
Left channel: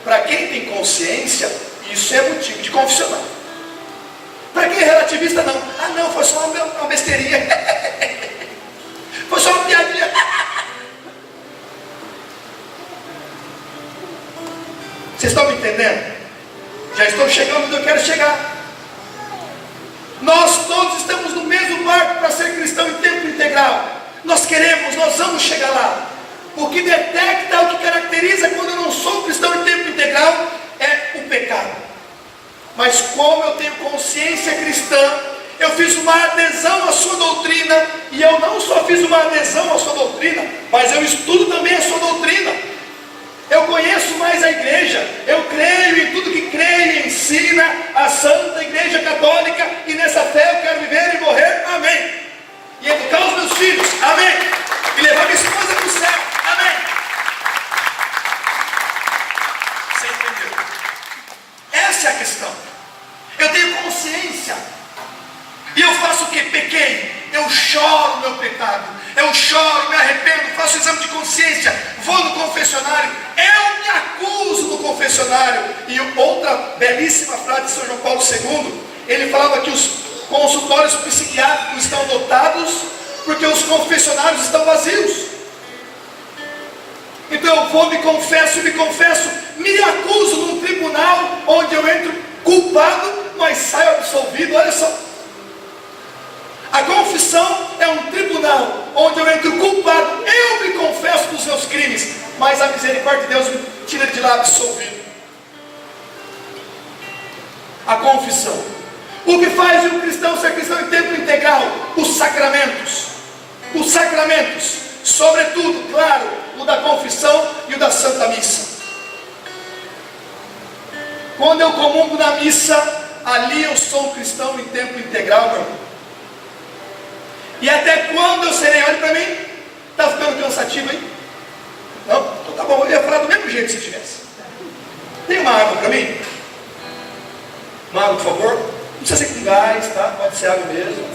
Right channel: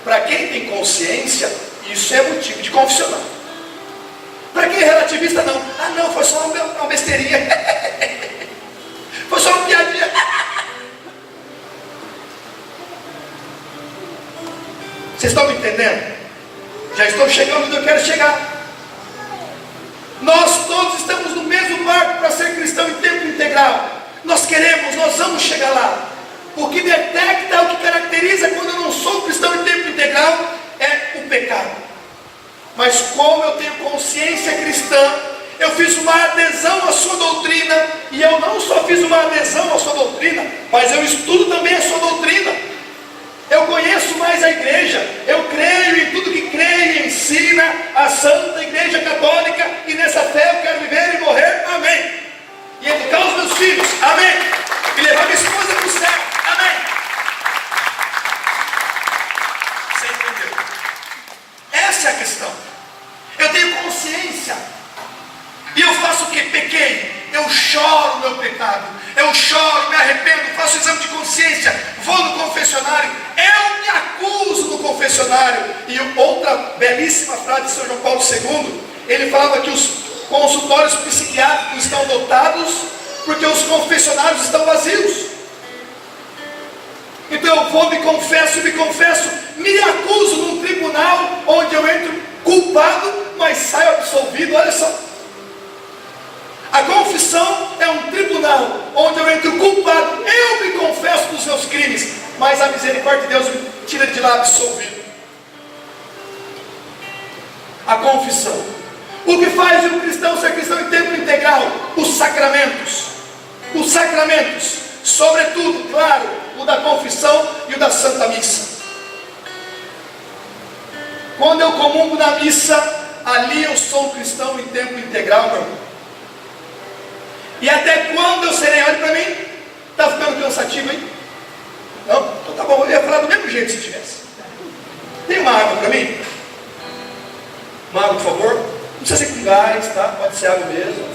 Para quem tem consciência, isso é motivo de confissional. Para quem é relativista, não. Ah não, foi só uma besteirinha. Foi só uma piadinha. Vocês estão me entendendo? Já estou chegando onde eu quero chegar. Nós todos estamos no mesmo barco para ser cristão em tempo integral. Nós vamos chegar lá. O que detecta, o que caracteriza quando eu não sou cristão em tempo integral é o pecado. Mas como eu tenho consciência cristã, eu fiz uma adesão à sua doutrina, e eu não só fiz uma adesão à sua doutrina, mas eu estudo também a sua doutrina. Eu conheço mais a igreja, eu creio em tudo que creio e ensina a Santa Igreja Católica, e nessa fé eu quero viver e morrer, amém. E educar os meus filhos, amém. E levar minha esposa para o céu, amém. Você entendeu? Essa é a questão. Eu tenho consciência. E eu faço o que? Pequei. Eu choro meu pecado. Eu choro, me arrependo, faço exame de consciência. Vou no confessionário. Eu me acuso no confessionário. E outra belíssima frase de São João Paulo II. Ele falava que os consultórios psiquiátricos estão lotados porque os confessionários estão vazios. Então eu vou, me confesso, me acuso num tribunal onde eu entro culpado, mas saio absolvido. Olha só, a confissão é um tribunal onde eu entro culpado, eu me confesso dos meus crimes, mas a misericórdia de Deus me tira de lá absolvido. A confissão. O que faz um cristão ser cristão em tempo integral? Os sacramentos. Os sacramentos, sobretudo, claro, o da confissão e o da Santa Missa. Quando eu comungo na missa, ali eu sou um cristão em tempo integral, meu irmão. E até quando eu serei? Olha para mim, está ficando cansativo aí? Não? Então tá bom, eu ia falar do mesmo jeito se tivesse. Tem uma água para mim? Uma água, por favor? Não precisa ser com gás, tá? Pode ser água mesmo.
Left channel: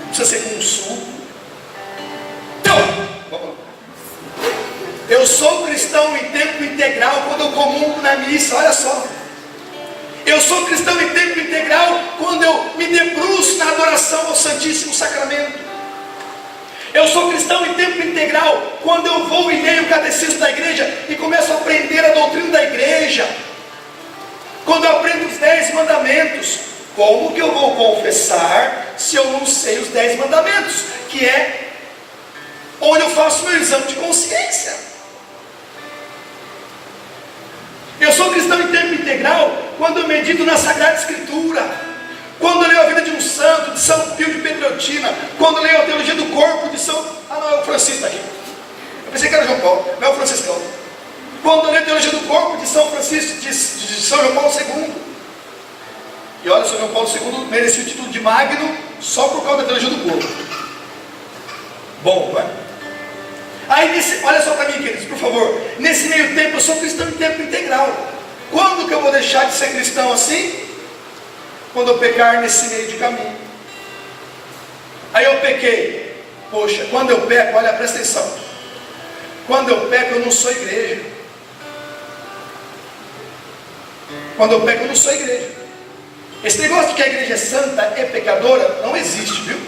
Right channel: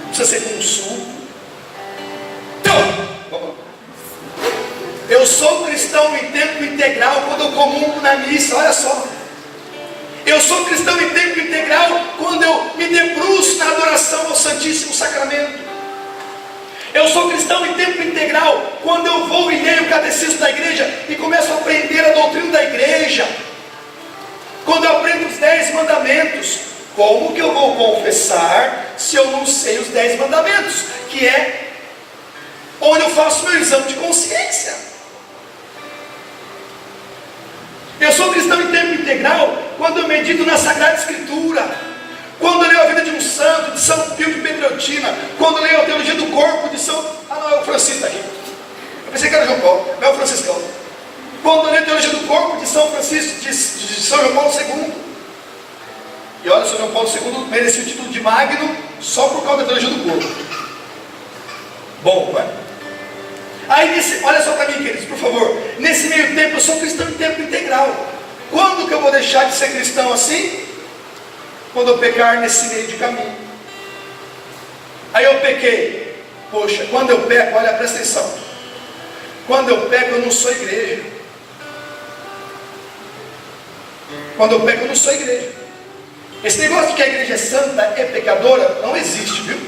Não precisa ser com suco. Então, eu sou cristão em tempo integral quando eu comungo na missa, olha só. Eu sou cristão em tempo integral quando eu me debruço na adoração ao Santíssimo Sacramento. Eu sou cristão em tempo integral quando eu vou e leio o catecismo da igreja e começo a aprender a doutrina da igreja. Quando eu aprendo os 10 mandamentos. Como que eu vou confessar se eu não sei os 10 mandamentos? Que é onde eu faço meu exame de consciência. Eu sou cristão em tempo integral quando eu medito na Sagrada Escritura, quando eu leio a vida de um santo, de João Paulo II merecia o título de Magno só por causa da teologia do corpo. Bom, vai. Aí, olha só para mim, queridos, por favor. Nesse meio tempo, eu sou cristão em tempo integral. Quando que eu vou deixar de ser cristão assim? Quando eu pecar nesse meio de caminho. Aí eu pequei. Poxa, quando eu peco, olha, presta atenção. Quando eu peco, eu não sou igreja. Quando eu peco, eu não sou igreja. Esse negócio de que a igreja é santa é pecadora, não existe, viu?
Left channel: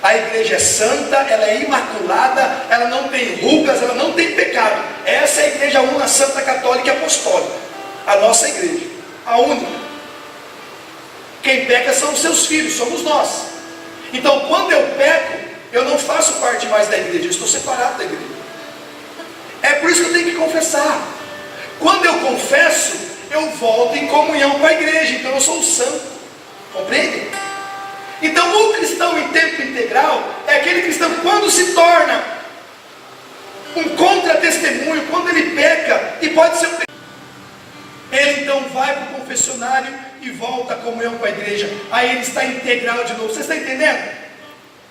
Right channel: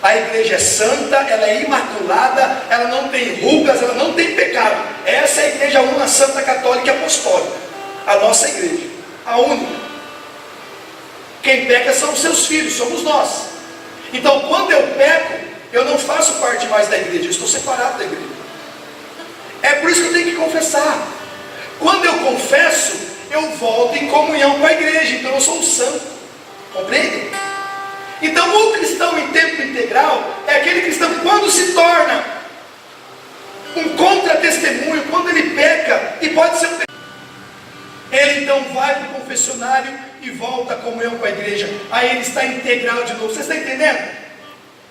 A igreja é santa, ela é imaculada, ela não tem rugas, ela não tem pecado. Essa é a igreja uma santa católica e apostólica. A nossa igreja, a única. Quem peca são os seus filhos, somos nós. Então, quando eu peco, eu não faço parte mais da igreja, eu estou separado da igreja. É por isso que eu tenho que confessar. Quando eu confesso, eu volto em comunhão com a igreja, então eu sou um santo. Compreende? Então, o cristão em tempo integral é aquele cristão que, quando se torna um contra-testemunho, quando ele peca, e pode ser ele então vai para o confessionário e volta à comunhão com a igreja. Aí ele está integral de novo. Você está entendendo?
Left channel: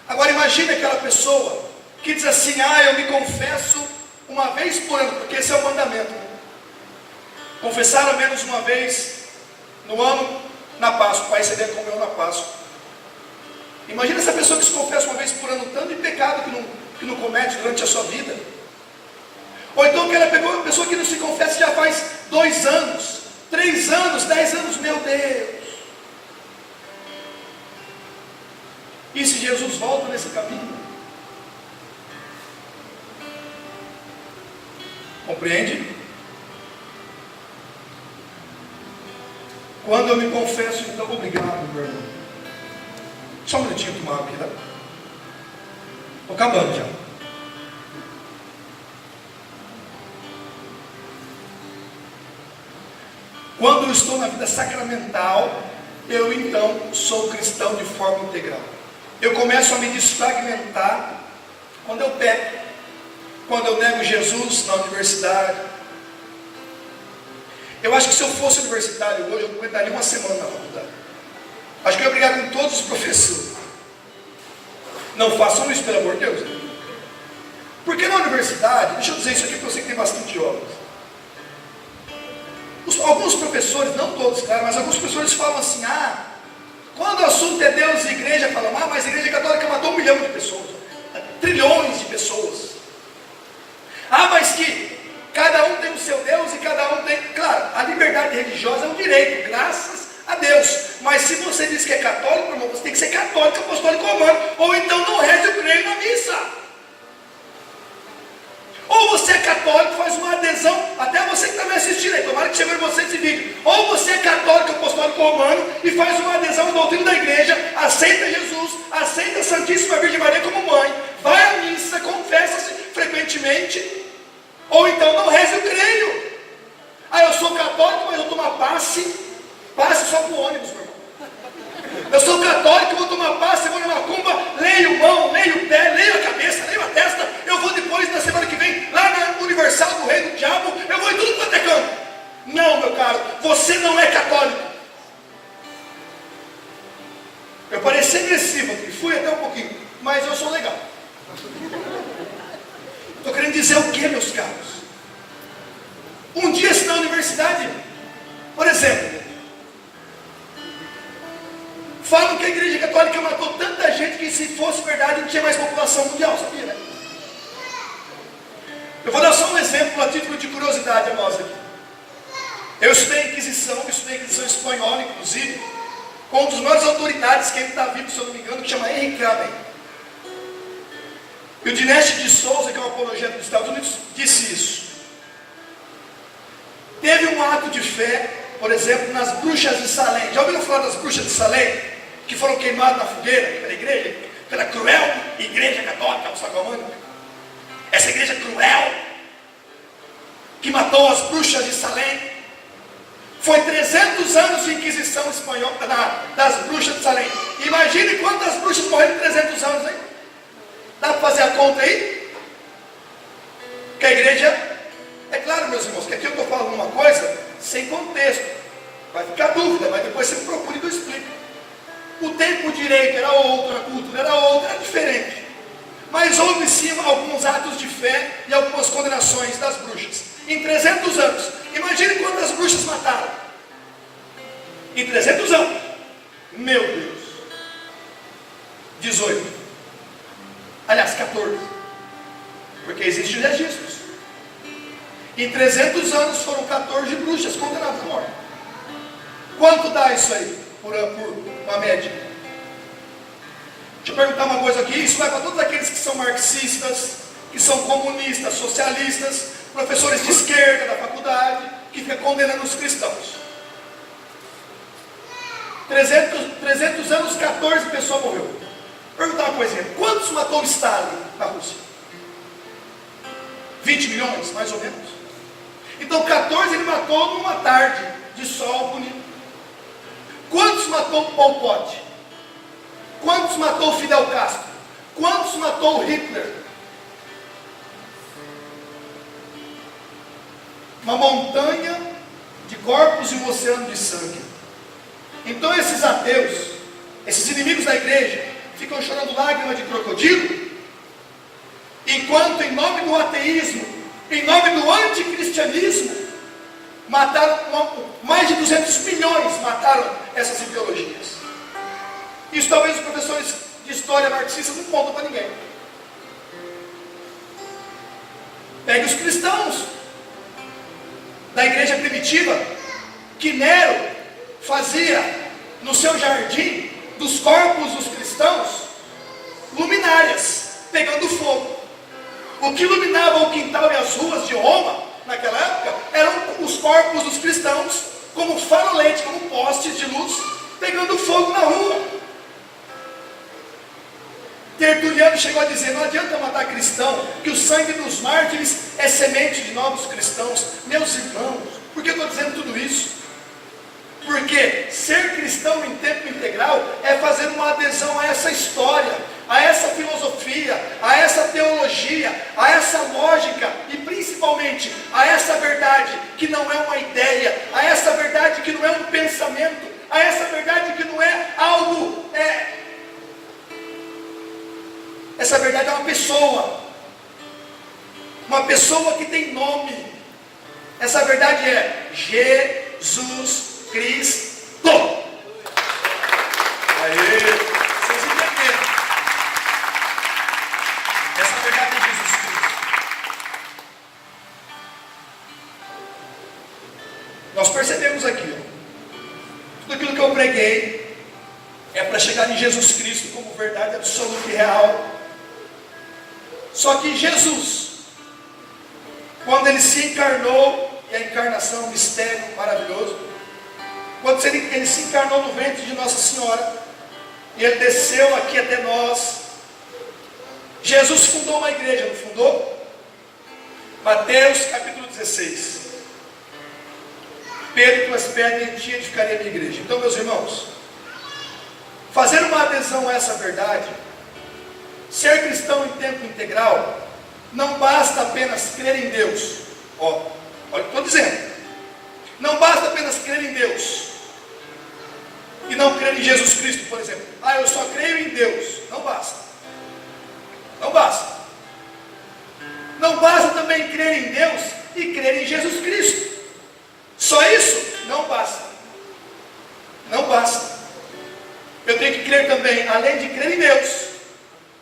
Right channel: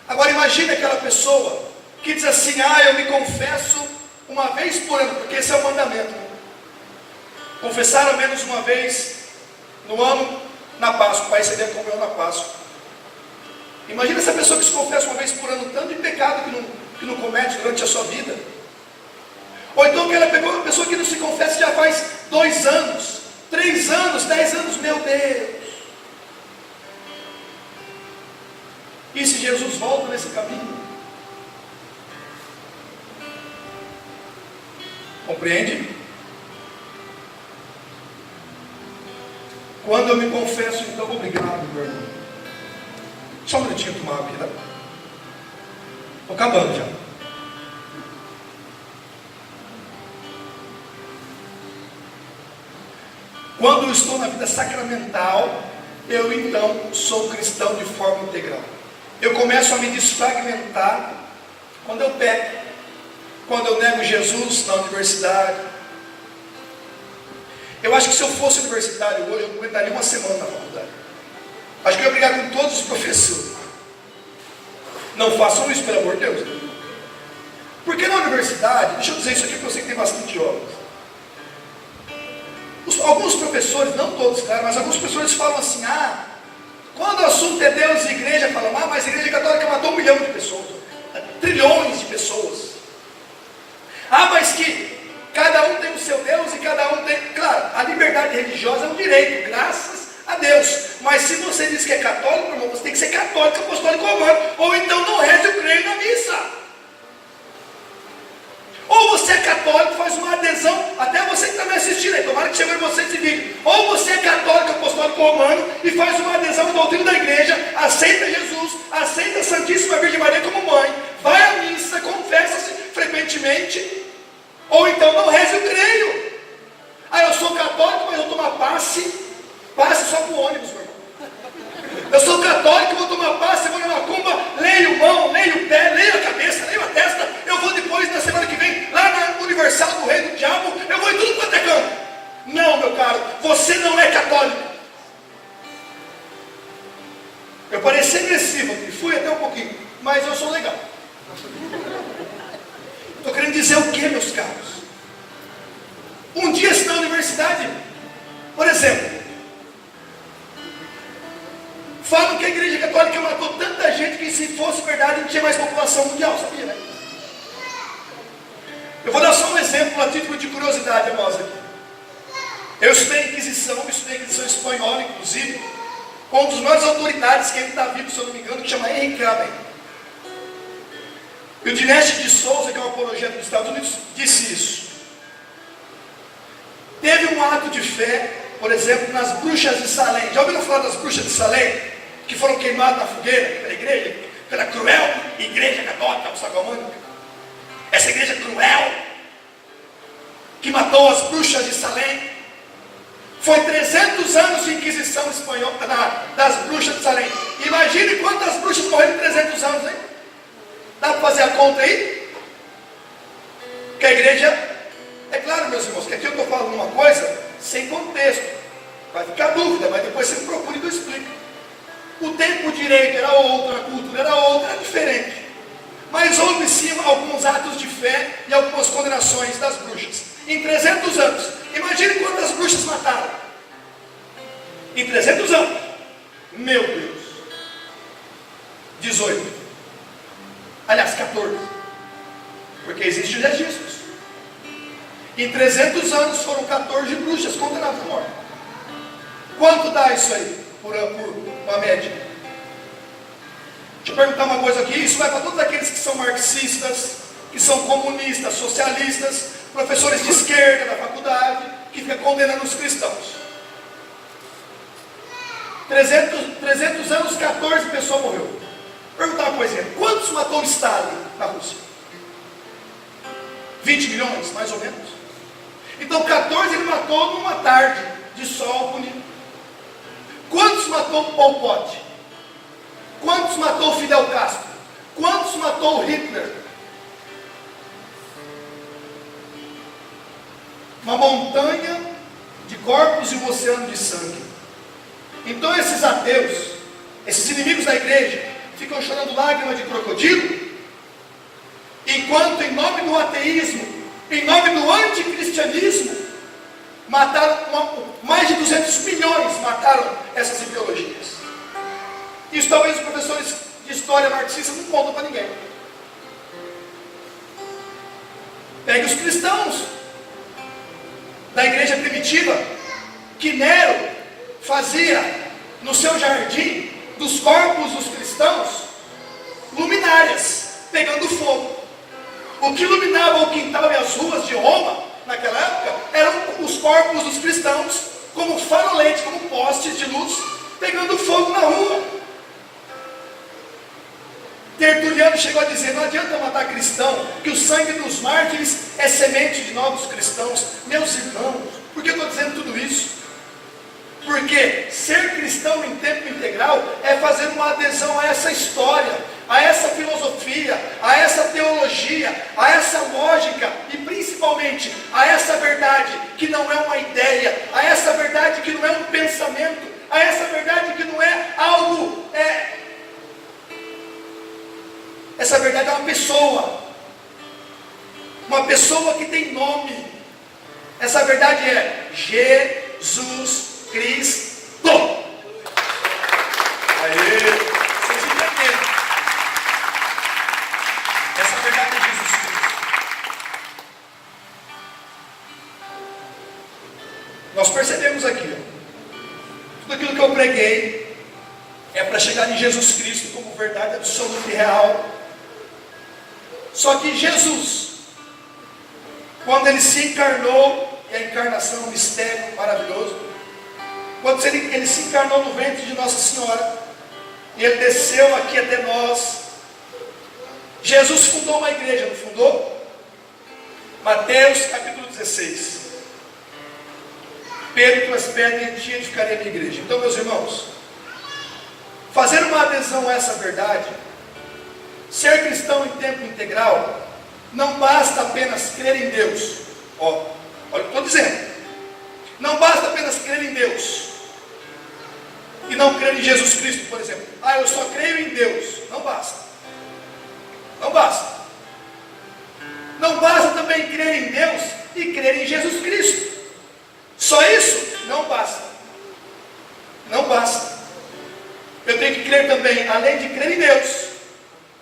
Agora imagine aquela pessoa que diz assim: eu me confesso uma vez por ano, porque esse é o mandamento. Confessar ao menos uma vez no ano, na Páscoa, para receber a comunhão na Páscoa. Imagina essa pessoa que se confessa uma vez por ano, tanto de pecado que não comete durante a sua vida. Ou então que ela pegou uma pessoa que não se confessa já faz 2 anos, 3 anos, 10 anos, meu Deus. E se Jesus volta nesse caminho? Compreende? Quando eu me confesso, então obrigado, meu irmão. Só um minutinho tomar aqui, tá? Estou acabando já. Quando eu estou na vida sacramental, eu então sou cristão de forma integral. Eu começo a me desfragmentar quando eu peco, quando eu nego Jesus na universidade. Eu acho que se eu fosse universitário hoje, eu aguentaria uma semana na faculdade. Acho que eu ia brigar com todos os professores. Não façam isso, pelo amor de Deus. Porque na universidade, deixa eu dizer isso aqui porque eu sei que tem bastante jovens. Alguns professores, não todos, cara, mas alguns professores falam assim: quando o assunto é Deus e igreja, falam: mas a igreja católica matou 1 milhão de pessoas, trilhões de pessoas. Mas que cada um tem o seu Deus e cada um tem. Claro, a liberdade religiosa é um direito, graças a Deus. Mas se você diz que é católico, irmão, você tem que ser católico, apostólico romano, ou então não reze o creio na missa. Ou você é católico, faz uma adesão, até você que está me assistindo aí, tomara que chegue você esse vídeo. Ou você é católico, apostólico romano, e faz uma adesão ao doutrina da igreja, aceita Jesus, aceita a Santíssima Virgem Maria como mãe, vai à missa, confessa-se frequentemente, ou então não reze o creio. Eu sou católico, mas eu tomo passe só com ônibus, meu irmão. Eu sou católico, vou tomar passe, vou na macumba, leio mão, leio o pé, leio a cabeça, leio a testa. Eu vou depois, na semana que vem, lá na Universal do Rei do Diabo, eu vou em tudo quanto é canto. Não, meu caro, você não é católico. Eu pareci agressivo, e fui até um pouquinho, mas eu sou legal. Estou querendo dizer o que, meus caros? Um dia, se na universidade, por exemplo, falam que a igreja católica matou tanta gente que, se fosse verdade, não tinha mais população mundial, sabia, né? Eu vou dar só um exemplo a título de curiosidade a nós aqui. Eu estudei Inquisição espanhola, inclusive, com um dos maiores autoridades que ainda está vivo, se eu não me engano, que chama Henrique Kramer. E o Dinesh de Souza, que é um apologeta dos Estados Unidos, disse isso. Teve um ato de fé, por exemplo, nas bruxas de Salem. Já ouviram falar das bruxas de Salem? Que foram queimadas na fogueira pela igreja, pela cruel igreja católica muçulmana. Essa igreja cruel, que matou as bruxas de Salem. Foi 300 anos de Inquisição espanhola das bruxas de Salem. Imagine quantas bruxas morreram em 300 anos, né? Dá para fazer a conta aí? Que a igreja... É claro, meus irmãos, que aqui eu estou falando uma coisa sem contexto. Vai ficar dúvida, mas depois você me procura que eu explico. o tempo direito era outro, a cultura era outra, era diferente. Mas houve sim alguns atos de fé e algumas condenações das bruxas. Em 300 anos, imagine quantas bruxas mataram. Em 300 anos, meu Deus, 18, aliás 14, porque existe os registros. Em 300 anos foram 14 bruxas condenadas à morte. Quanto dá isso aí, por uma média? Deixa eu perguntar uma coisa aqui, isso vai para todos aqueles que são marxistas, que são comunistas, socialistas, professores de esquerda da faculdade, que ficam condenando os cristãos. 300 anos, 14 pessoas morreram. Perguntar uma coisa, quantos matou Stalin na Rússia? 20 milhões, mais ou menos. Então 14 ele matou numa tarde de sol bonito. Quantos matou Pol Pot? Quantos matou Fidel Castro? Quantos matou Hitler? Uma montanha de corpos e um oceano de sangue. Então esses ateus, esses inimigos da igreja, ficam chorando lágrimas de crocodilo, enquanto em nome do ateísmo, em nome do anticristianismo, mataram mais de 200 milhões, mataram essas ideologias. Isso talvez os professores de história marxista não contam para ninguém. Pegue os cristãos da igreja primitiva, que Nero fazia no seu jardim dos corpos dos cristãos luminárias, pegando fogo. O que iluminava o quintal e as ruas de Roma naquela época eram os corpos dos cristãos, como farolete, como postes de luz, pegando fogo na rua. Tertuliano chegou a dizer: não adianta matar cristão, que o sangue dos mártires é semente de novos cristãos. Meus irmãos, por que eu estou dizendo tudo isso? Porque ser cristão em tempo integral é fazer uma adesão a essa história, a essa filosofia, a essa teologia, a essa lógica e principalmente a essa verdade que não é uma ideia, a essa verdade que não é um pensamento, a essa verdade que não é algo, essa verdade é uma pessoa que tem nome. Essa verdade é Jesus Cristo. Aê! Vocês entendem? Essa verdade é Jesus Cristo. Nós percebemos aqui, tudo aquilo que eu preguei é para chegar em Jesus Cristo como verdade absoluta e real. Só que Jesus, quando ele se encarnou, e a encarnação é um mistério maravilhoso, quando ele se encarnou no ventre de Nossa Senhora, e ele desceu aqui até nós, Jesus fundou uma igreja, não fundou? Mateus capítulo 16. Pedro pelas pernas e edificaria a minha igreja. Então, meus irmãos, fazer uma adesão a essa verdade, ser cristão em tempo integral, não basta apenas crer em Deus. Olha o que estou dizendo. Não basta apenas crer em Deus e não crer em Jesus Cristo, por exemplo. Eu só creio em Deus. Não basta. Não basta. Não basta também crer em Deus e crer em Jesus Cristo. Só isso não basta. Não basta. Eu tenho que crer também, além de crer em Deus,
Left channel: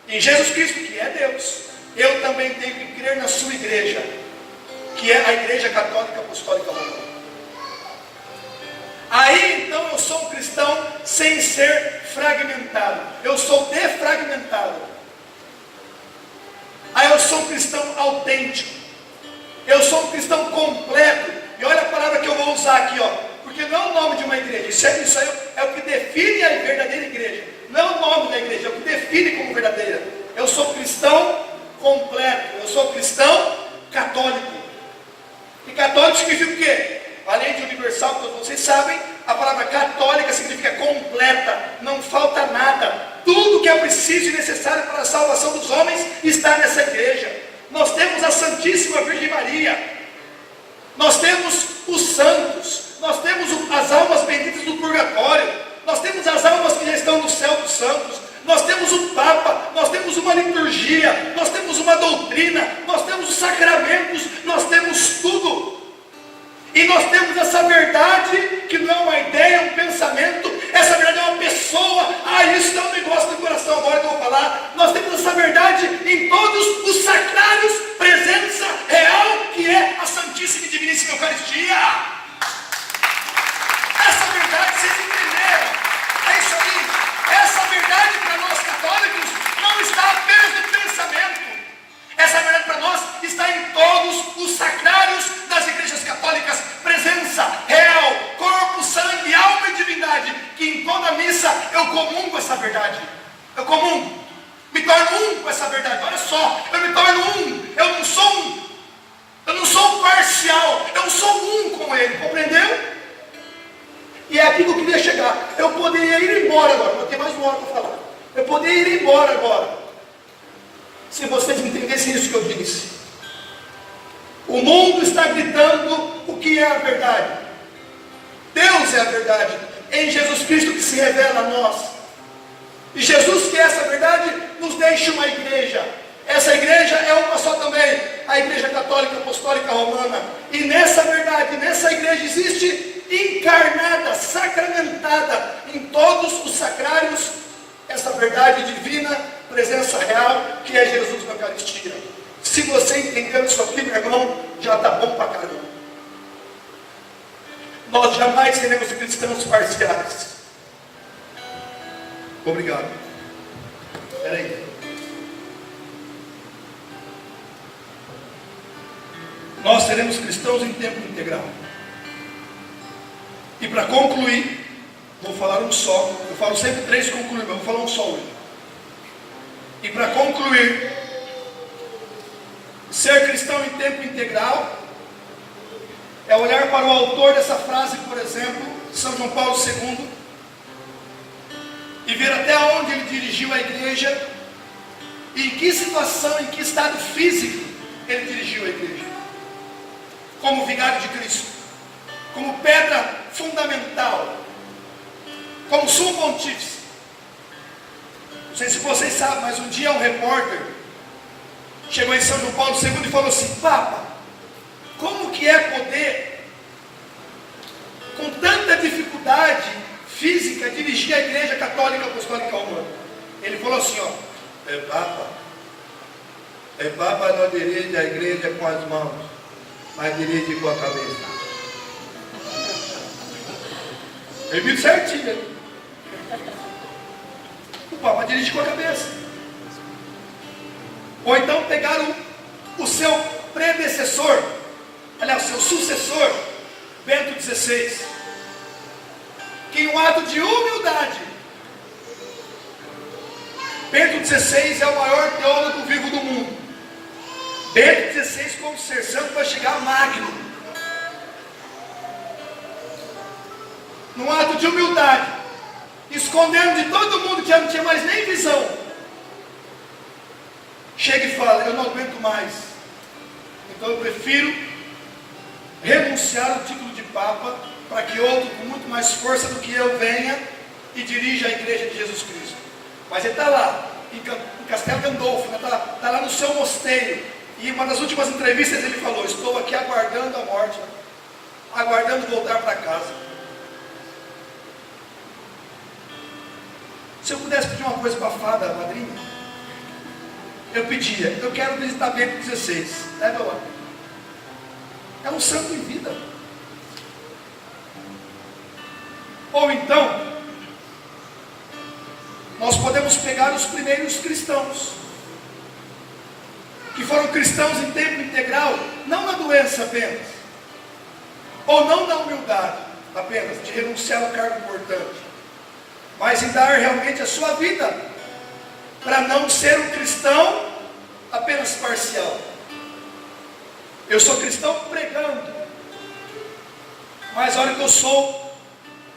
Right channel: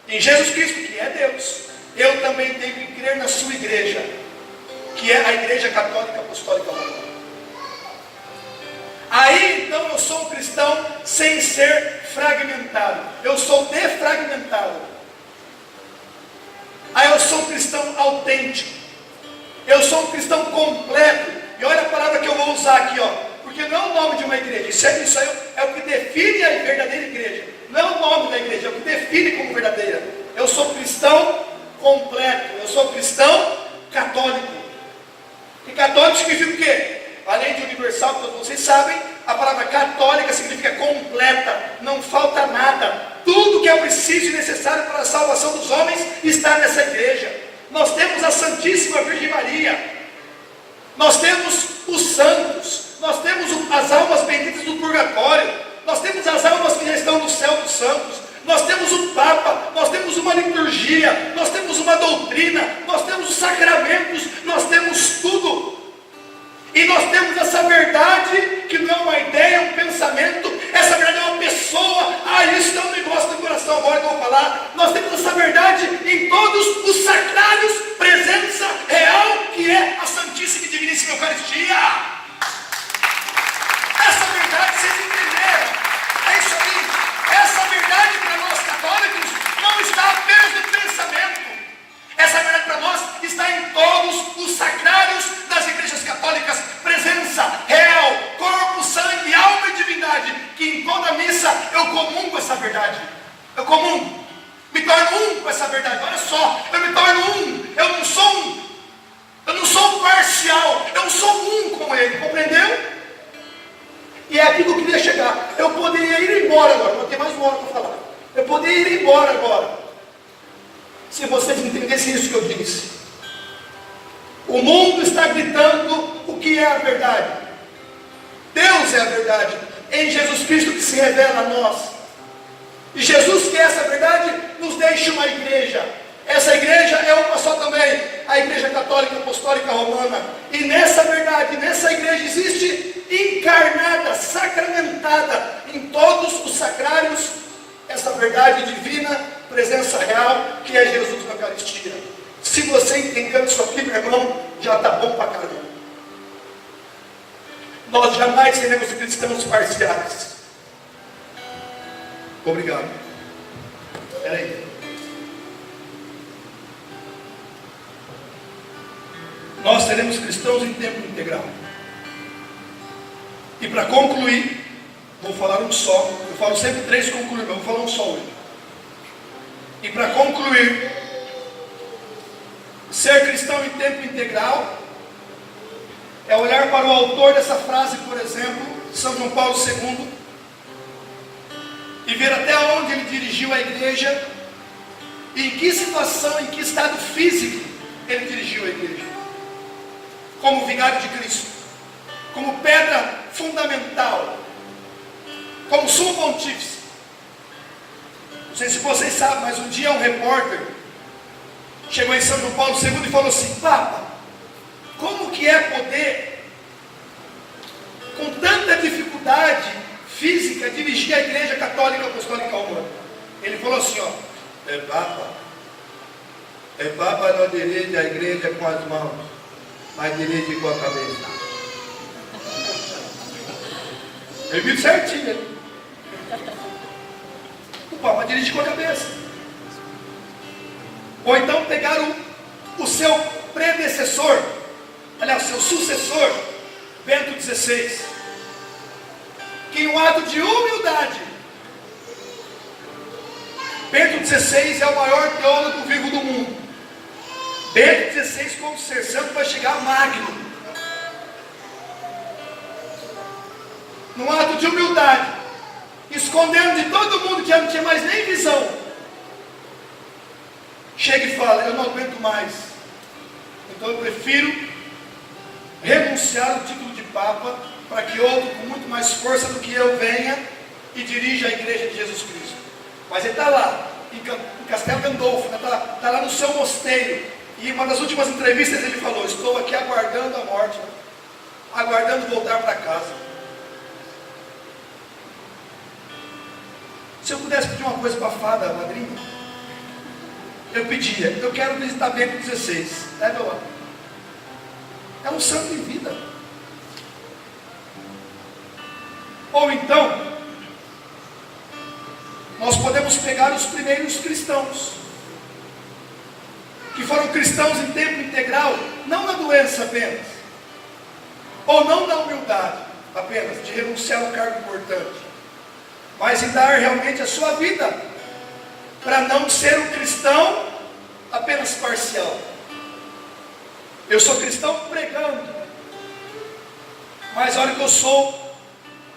em Jesus Cristo, que é Deus, eu também tenho que crer na sua igreja, que é a Igreja Católica Apostólica Romana. Aí então eu sou um cristão sem ser fragmentado. Eu sou defragmentado. Aí eu sou um cristão autêntico. Eu sou um cristão completo. E olha a palavra que eu vou usar aqui, porque não é o nome de uma igreja. Isso aí é o que define a verdadeira igreja. Não é o nome da igreja, é o que define como verdadeira. Eu sou cristão completo. Eu sou cristão católico. E católico significa o quê? Além de universal, todos vocês sabem, a palavra católica significa completa, não falta nada. Tudo que é preciso e necessário para a salvação dos homens está nessa igreja. Nós temos a Santíssima Virgem Maria, nós temos os santos, nós temos as almas benditas do purgatório, nós temos as almas que já estão no céu dos santos, nós temos o Papa, nós temos uma liturgia, nós temos uma doutrina, nós temos os sacramentos, nós temos tudo. E nós temos essa verdade, que não é uma ideia, é um pensamento, essa verdade é uma pessoa. Isso é um negócio do coração, agora que eu vou falar. Nós temos essa verdade em todos os sacrários, presença real, que é a Santíssima e Diviníssima Eucaristia. Essa verdade, vocês entenderam? É isso aí. Essa verdade para nós católicos não está apenas no pensamento. Essa verdade para nós está em todos os sacrários das igrejas católicas. Presença real, corpo, sangue, alma e divindade. Que em toda missa eu comungo essa verdade. Eu comungo. Me torno um com essa verdade. Olha só, eu me torno um. Eu não sou um. Eu não sou um parcial. Eu sou um com ele. Compreendeu? E é aqui que eu queria chegar. Eu poderia ir embora agora. Vou ter mais uma hora para falar. Eu poderia ir embora agora, se vocês entendessem isso que eu disse. O mundo está gritando o que é a verdade. Deus é a verdade. Em Jesus Cristo que se revela a nós. E Jesus, que é essa verdade, nos deixa uma igreja. Essa igreja é uma só também, a Igreja Católica Apostólica Romana. E nessa verdade, nessa igreja existe encarnada, sacramentada em todos os sacrários, essa verdade divina, presença real, que é Jesus na Eucaristia. Se você entender isso aqui, meu irmão, já está bom para caramba. Nós jamais seremos cristãos parciais. Obrigado. Espera aí. Nós seremos cristãos em tempo integral. E para concluir, vou falar um só. Eu falo sempre 3 concluindo, vou falar um só hoje. E para concluir, ser cristão em tempo integral é olhar para o autor dessa frase, por exemplo, São João Paulo II, e ver até onde ele dirigiu a igreja, e em que situação, em que estado físico ele dirigiu a igreja. Como vigário de Cristo, como pedra fundamental, como sumo pontífice. Não sei se vocês sabem, mas um dia um repórter chegou em São João Paulo II e falou assim: Papa, como que é poder, com tanta dificuldade física, dirigir a Igreja Católica Apostólica Romana? Ele falou assim, ó: é Papa não dirige a igreja com as mãos, mas dirige com a cabeça. Ele viu certinho, hein? O Papa dirige com a cabeça. Ou então pegaram o seu predecessor, aliás, seu sucessor, Bento XVI, que em um ato de humildade, Bento XVI é o maior teólogo vivo do mundo. Bento XVI, como ser santo, vai chegar magno. Num ato de humildade, escondendo de todo mundo que já não tinha mais nem visão, chega e fala: eu não aguento mais, então eu prefiro renunciar ao título de Papa, para que outro com muito mais força do que eu venha e dirija a Igreja de Jesus Cristo. Mas ele está lá, em Castelo Gandolfo, está lá no seu mosteiro, e em uma das últimas entrevistas ele falou: estou aqui aguardando a morte, aguardando voltar para casa. Se eu pudesse pedir uma coisa para a fada, madrinha, eu pedia: eu quero visitar Bento XVI. Leva lá. É um santo de vida. Ou então, nós podemos pegar os primeiros cristãos, que foram cristãos em tempo integral, não na doença apenas, ou não na humildade apenas, de renunciar ao cargo importante, mas em dar realmente a sua vida, para não ser um cristão apenas parcial. Eu sou cristão pregando, mas olha que eu sou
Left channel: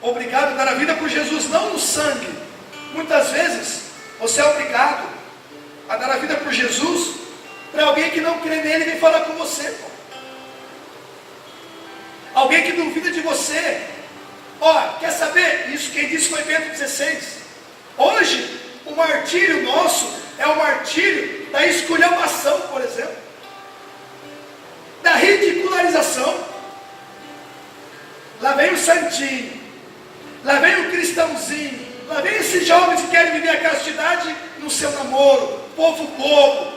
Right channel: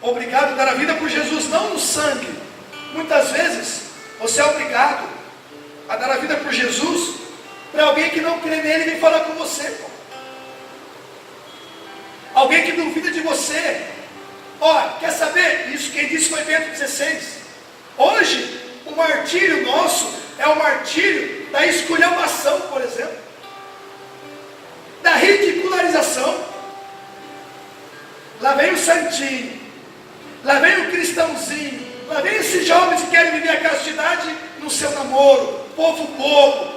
obrigado a dar a vida por Jesus, não no sangue. Muitas vezes você é obrigado a dar a vida por Jesus para alguém que não crê nele e vem falar com você, alguém que duvida de você, Olha, quer saber? Isso quem disse foi Bento XVI. Hoje, o martírio nosso é o martírio da esculhambação, por exemplo, da ridicularização. Lá vem o santinho, lá vem o cristãozinho, lá vem esses jovens que querem viver a castidade no seu namoro, povo bobo.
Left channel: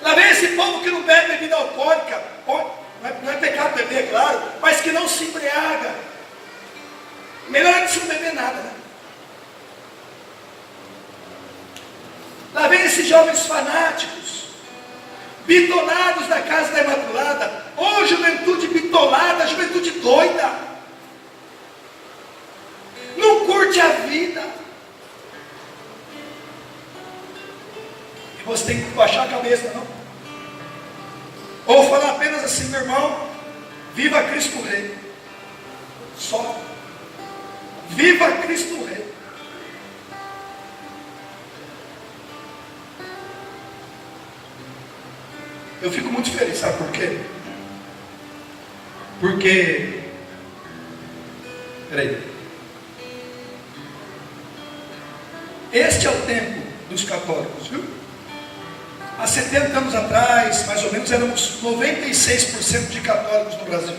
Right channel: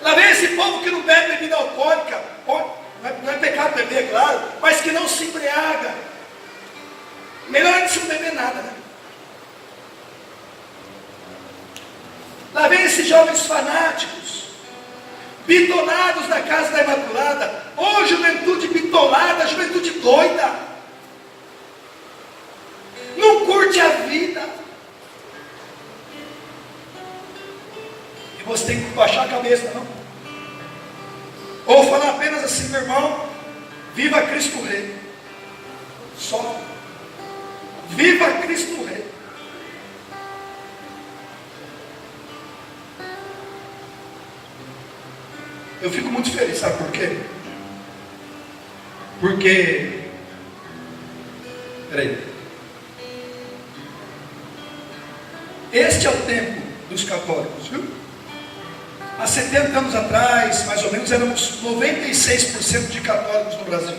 Lá vem esse povo que não bebe bebida alcoólica, não é pecado beber, claro, mas que não se embriaga. Melhor é que se não beber nada, né? Lá vem esses jovens fanáticos, bitolados da casa da Imaculada. Ô, juventude bitolada, juventude doida. Não curte a vida. E você tem que baixar a cabeça, não? Ou falar apenas assim, meu irmão, viva Cristo Rei. Só. Viva Cristo Rei. Eu fico muito feliz, sabe por quê? Porque, peraí, este é o tempo dos católicos, viu? Há 70 anos atrás, mais ou menos, éramos 96% de católicos no Brasil.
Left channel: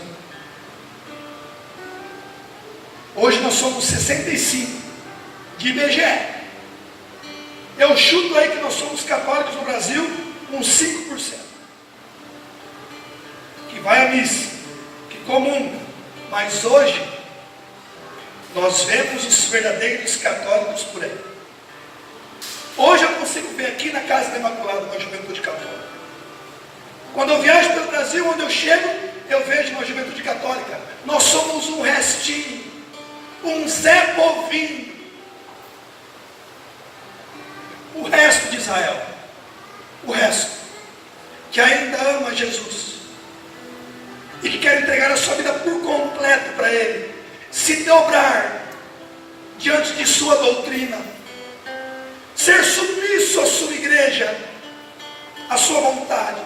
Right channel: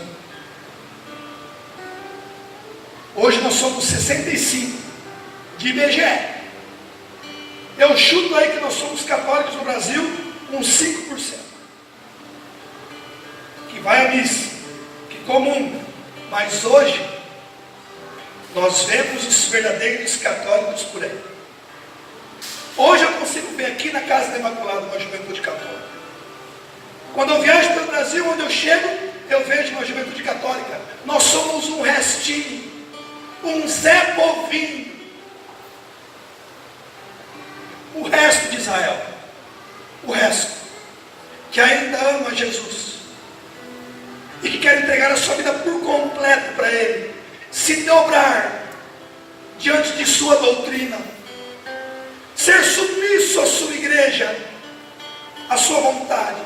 Hoje nós somos 65% de IBGE. Eu chuto aí que nós somos católicos no Brasil com 5%. Que vai à missa, que comum. Mas hoje, nós vemos os verdadeiros católicos por aí. Hoje eu consigo ver aqui na Casa da Imaculada uma juventude católica. Quando eu viajo pelo Brasil, onde eu chego, eu vejo uma juventude católica. Nós somos um restinho, um Zé Povinho. O resto de Israel, o resto, que ainda ama Jesus e que quer entregar a sua vida por completo para Ele, se dobrar diante de sua doutrina, ser submisso à sua igreja, à sua vontade,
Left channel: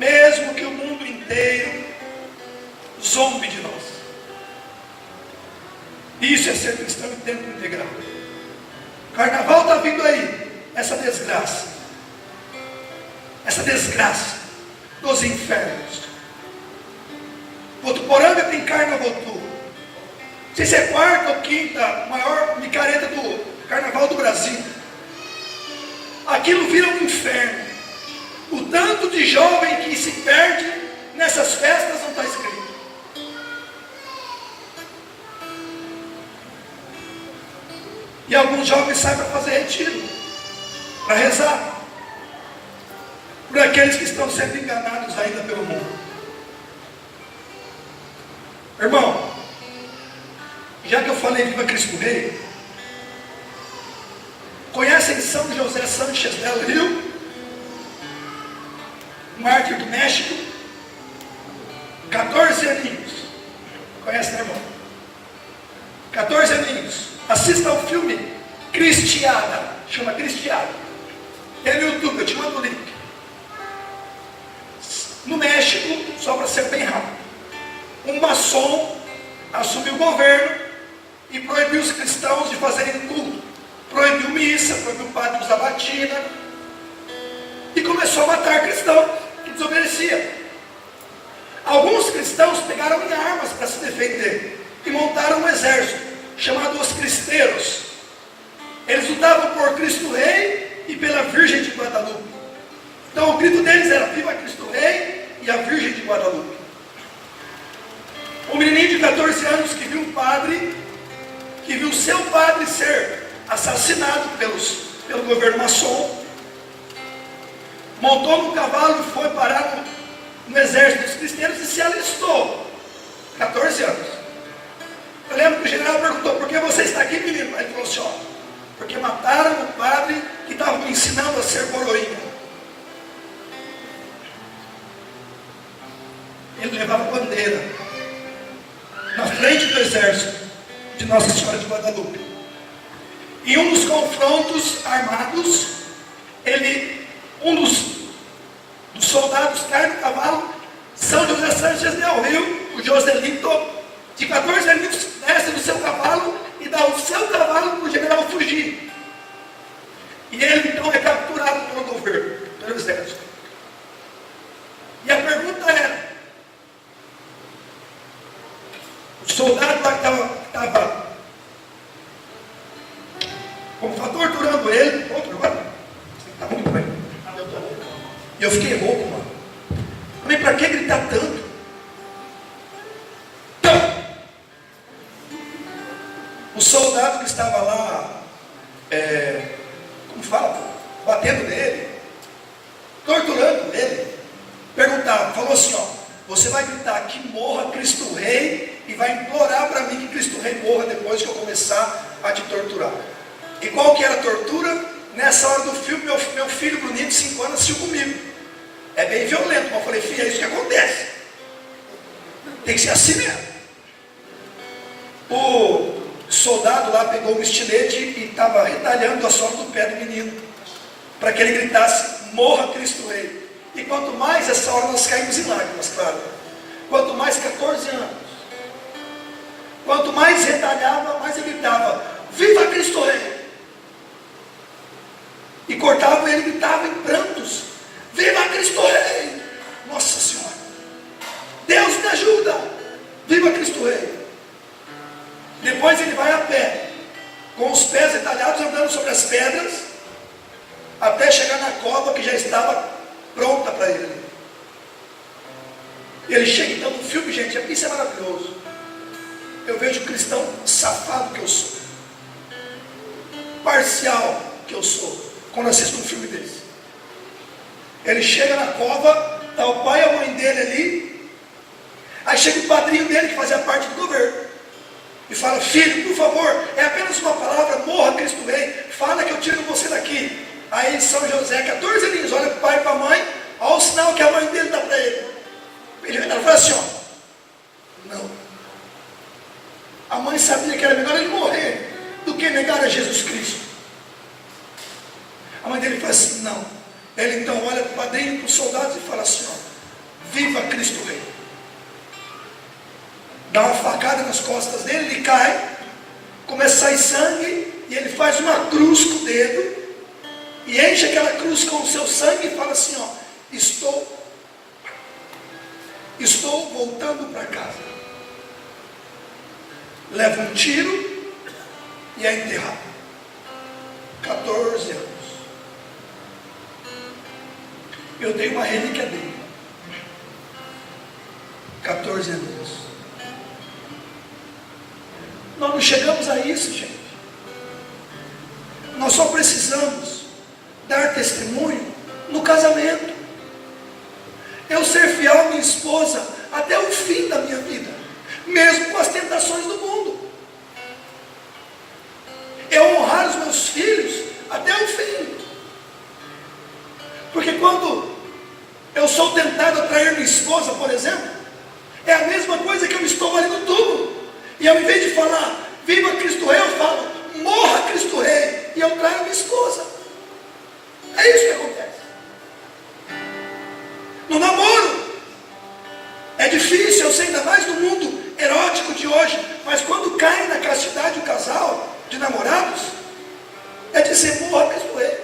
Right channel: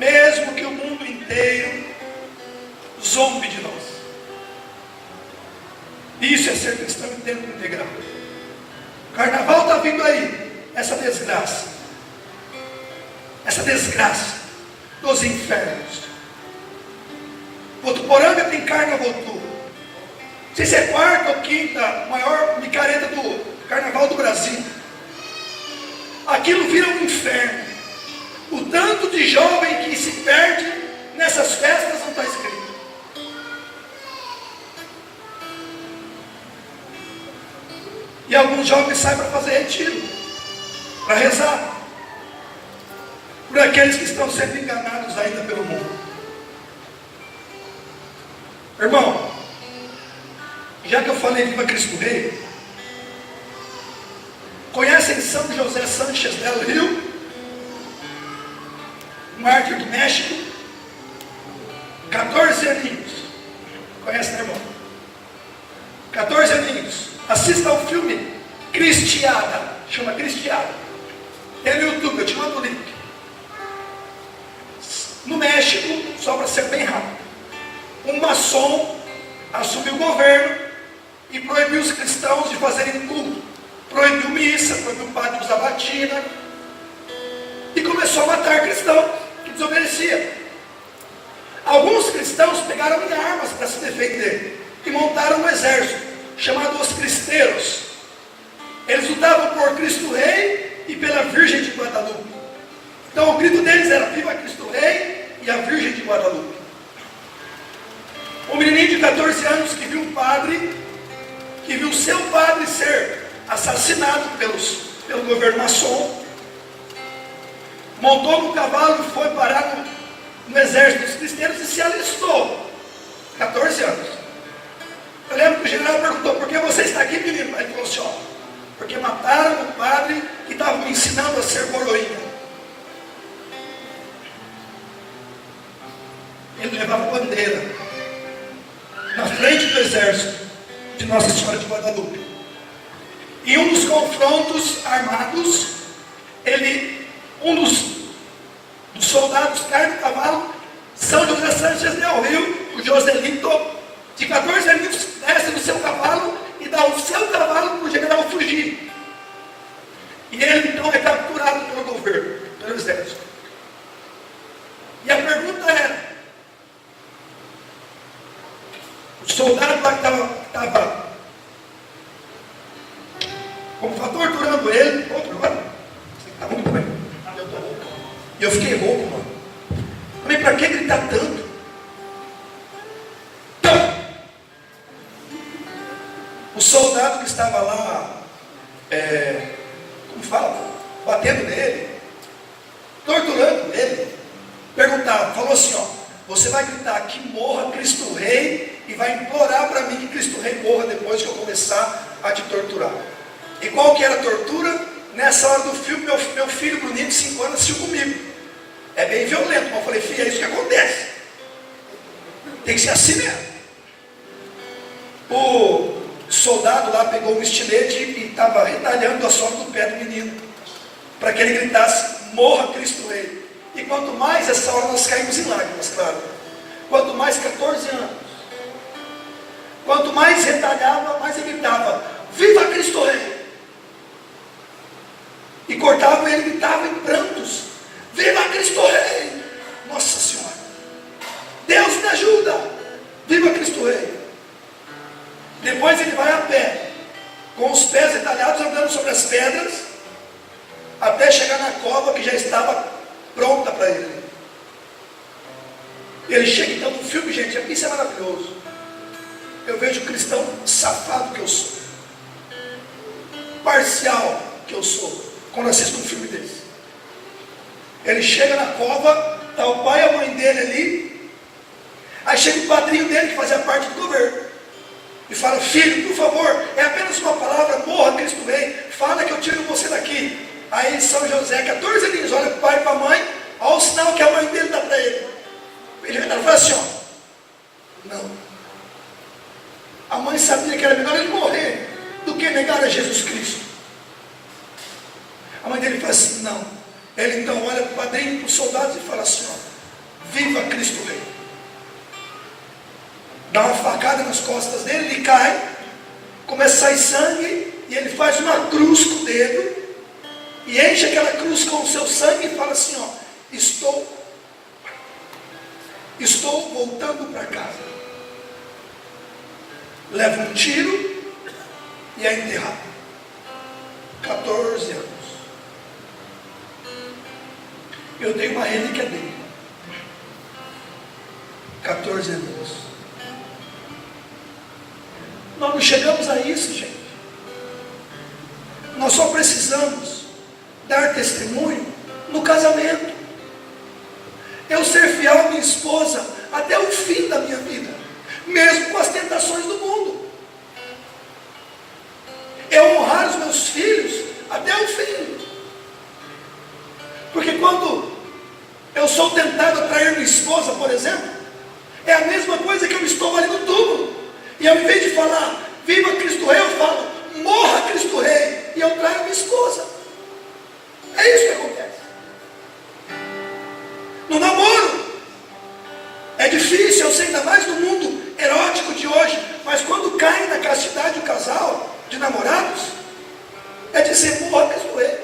mesmo que o mundo inteiro zombe de nós. Isso é ser cristão em tempo integral. Carnaval está vindo aí, essa desgraça dos infernos. Votuporanga tem carnaval tudo. Não sei se é quarta ou quinta maior micareta do Carnaval do Brasil. Aquilo vira um inferno. O tanto de jovem que se perde nessas festas não está escrito. E alguns jovens saem para fazer retiro, para rezar, por aqueles que estão sendo enganados ainda pelo mundo. Irmão, já que eu falei viva Cristo Rei, conhecem São José Sánchez del Rio, mártir do México, 14 aninhos, conhece, né, irmão? 14 aninhos, assista ao filme Cristiada, chama Cristiada, tem no YouTube, eu te mando o link. No México, só para ser bem rápido, um maçom assumiu o governo e proibiu os cristãos de fazerem culto, proibiu missa, proibiu o padre de usar batina, e começou a matar cristão que desobedecia. Alguns cristãos pegaram em armas para se defender e montaram um exército chamado os cristeiros. Eles lutavam por Cristo Rei e pela Virgem de Guadalupe. Então o grito deles era: viva Cristo Rei e a Virgem de Guadalupe. Um menino de 14 anos que viu um padre, que viu seu padre ser assassinado pelo governo maçom, montou no cavalo e foi parar no exército dos cristãos e se alistou. 14 anos. Eu lembro que o general perguntou: por que você está aqui, menino? Ele falou assim: ó, porque mataram o padre que estava me ensinando a ser coroinha. Ele levava bandeira na frente do exército de Nossa Senhora de Guadalupe. Em um dos confrontos armados, um dos soldados cai no cavalo. São José Sánchez del Rio, o Joselito, de 14 anos, desce no seu cavalo e dá o seu cavalo para o general fugir. E ele então é capturado pelo governo, pelo exército. E a pergunta era, o soldado lá que estava torturando ele, agora, está muito bem, eu estou rouco. Eu fiquei rouco, mano. Mas para que gritar tanto? O soldado que estava lá, como fala, batendo nele, torturando ele, falou assim, ó, você vai gritar que morra Cristo Rei e vai implorar para mim que Cristo Rei morra depois que eu começar a te torturar. E qual que era a tortura? Nessa hora do filme, meu filho bonito de 5 anos assistiu comigo. É bem violento, mas eu falei, filho, é isso que acontece. Tem que ser assim mesmo. O soldado lá pegou um estilete e estava retalhando a sola do pé do menino, para que ele gritasse, morra Cristo Rei. E quanto mais essa hora nós caímos em lágrimas, claro. Quanto mais 14 anos. Quanto mais retalhava, mais ele gritava, viva Cristo Rei. E cortava ele, gritava em prantos, viva Cristo Rei. Nossa Senhora, Deus me ajuda, viva Cristo Rei. Depois ele vai a pé, com os pés retalhados, andando sobre as pedras, até chegar na cova que já estava pronta para ele. E ele chega, então no filme, gente, isso é maravilhoso. Eu vejo o cristão safado que eu sou, parcial que eu sou, quando assisto um filme desse. Ele chega na cova, está o pai e a mãe dele ali, aí chega o padrinho dele que fazia parte do governo, e fala, filho, por favor, é apenas uma palavra, morra Cristo Rei, fala que eu tiro você daqui. Aí São José, 14 aninhos, olha para o pai e para a mãe, olha o sinal que a mãe dele dá para ele. Ele fala assim, ó, não. A mãe sabia que era melhor ele morrer do que negar a Jesus Cristo. A mãe dele fala assim, não. Ele então olha para o padrinho, para os soldados e fala assim, ó, viva Cristo Rei. Dá uma facada nas costas dele, ele cai, começa a sair sangue, e ele faz uma cruz com o dedo, e enche aquela cruz com o seu sangue e fala assim, ó, estou voltando para casa. Leva um tiro e é enterrado. 14 anos. Eu tenho uma relíquia dele. 14 anos. Nós não chegamos a isso, gente. Nós só precisamos dar testemunho no casamento. Eu ser fiel à minha esposa até o fim da minha vida, mesmo com as tentações do mundo. Eu honrar os meus filhos até o fim. Porque quando eu sou tentado a trair minha esposa, por exemplo, é a mesma coisa que eu estou ali no túmulo. E ao invés de falar, viva Cristo Rei, eu falo, morra Cristo Rei, e eu traio minha esposa. É isso que acontece. No namoro, é difícil, eu sei, ainda mais no mundo erótico de hoje, mas quando cai na castidade o casal de namorados, é dizer, morra Cristo Rei.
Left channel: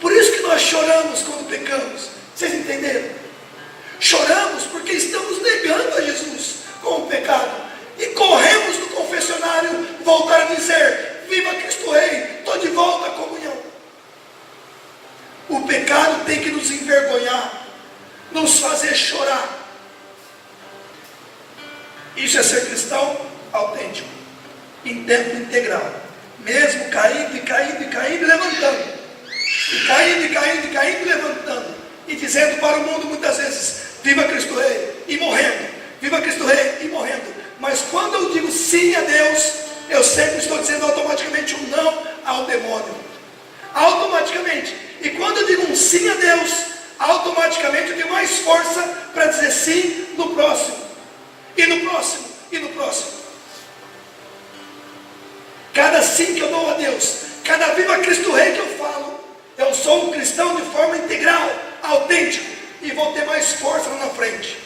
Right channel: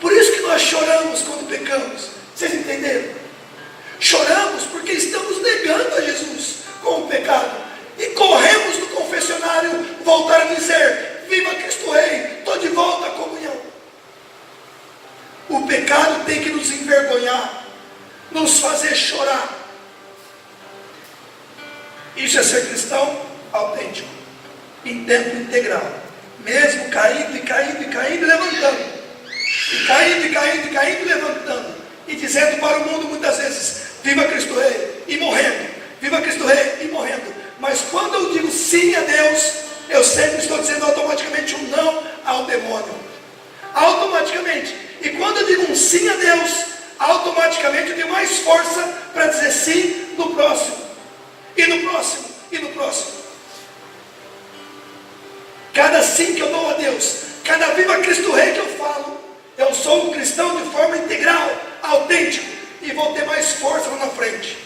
Por isso que nós choramos quando pecamos. Vocês entenderam? Choramos porque estamos negando a Jesus com o pecado. E corremos do confessionário voltar a dizer, viva Cristo Rei, estou de volta à comunhão. O pecado tem que nos envergonhar, nos fazer chorar. Isso é ser cristão autêntico, em tempo integral, mesmo caindo e caindo e caindo e levantando, e caindo e caindo e caindo e levantando, e dizendo para o mundo muitas vezes, viva Cristo Rei, e morrendo, viva Cristo Rei, e morrendo. Mas quando eu digo sim a Deus, eu sempre estou dizendo automaticamente um não ao demônio. Automaticamente. E quando eu digo um sim a Deus, automaticamente eu tenho mais força para dizer sim no próximo. E no próximo. E no próximo. Cada sim que eu dou a Deus, cada viva Cristo Rei que eu falo, eu sou um cristão de forma integral, autêntico, e vou ter mais força lá na frente.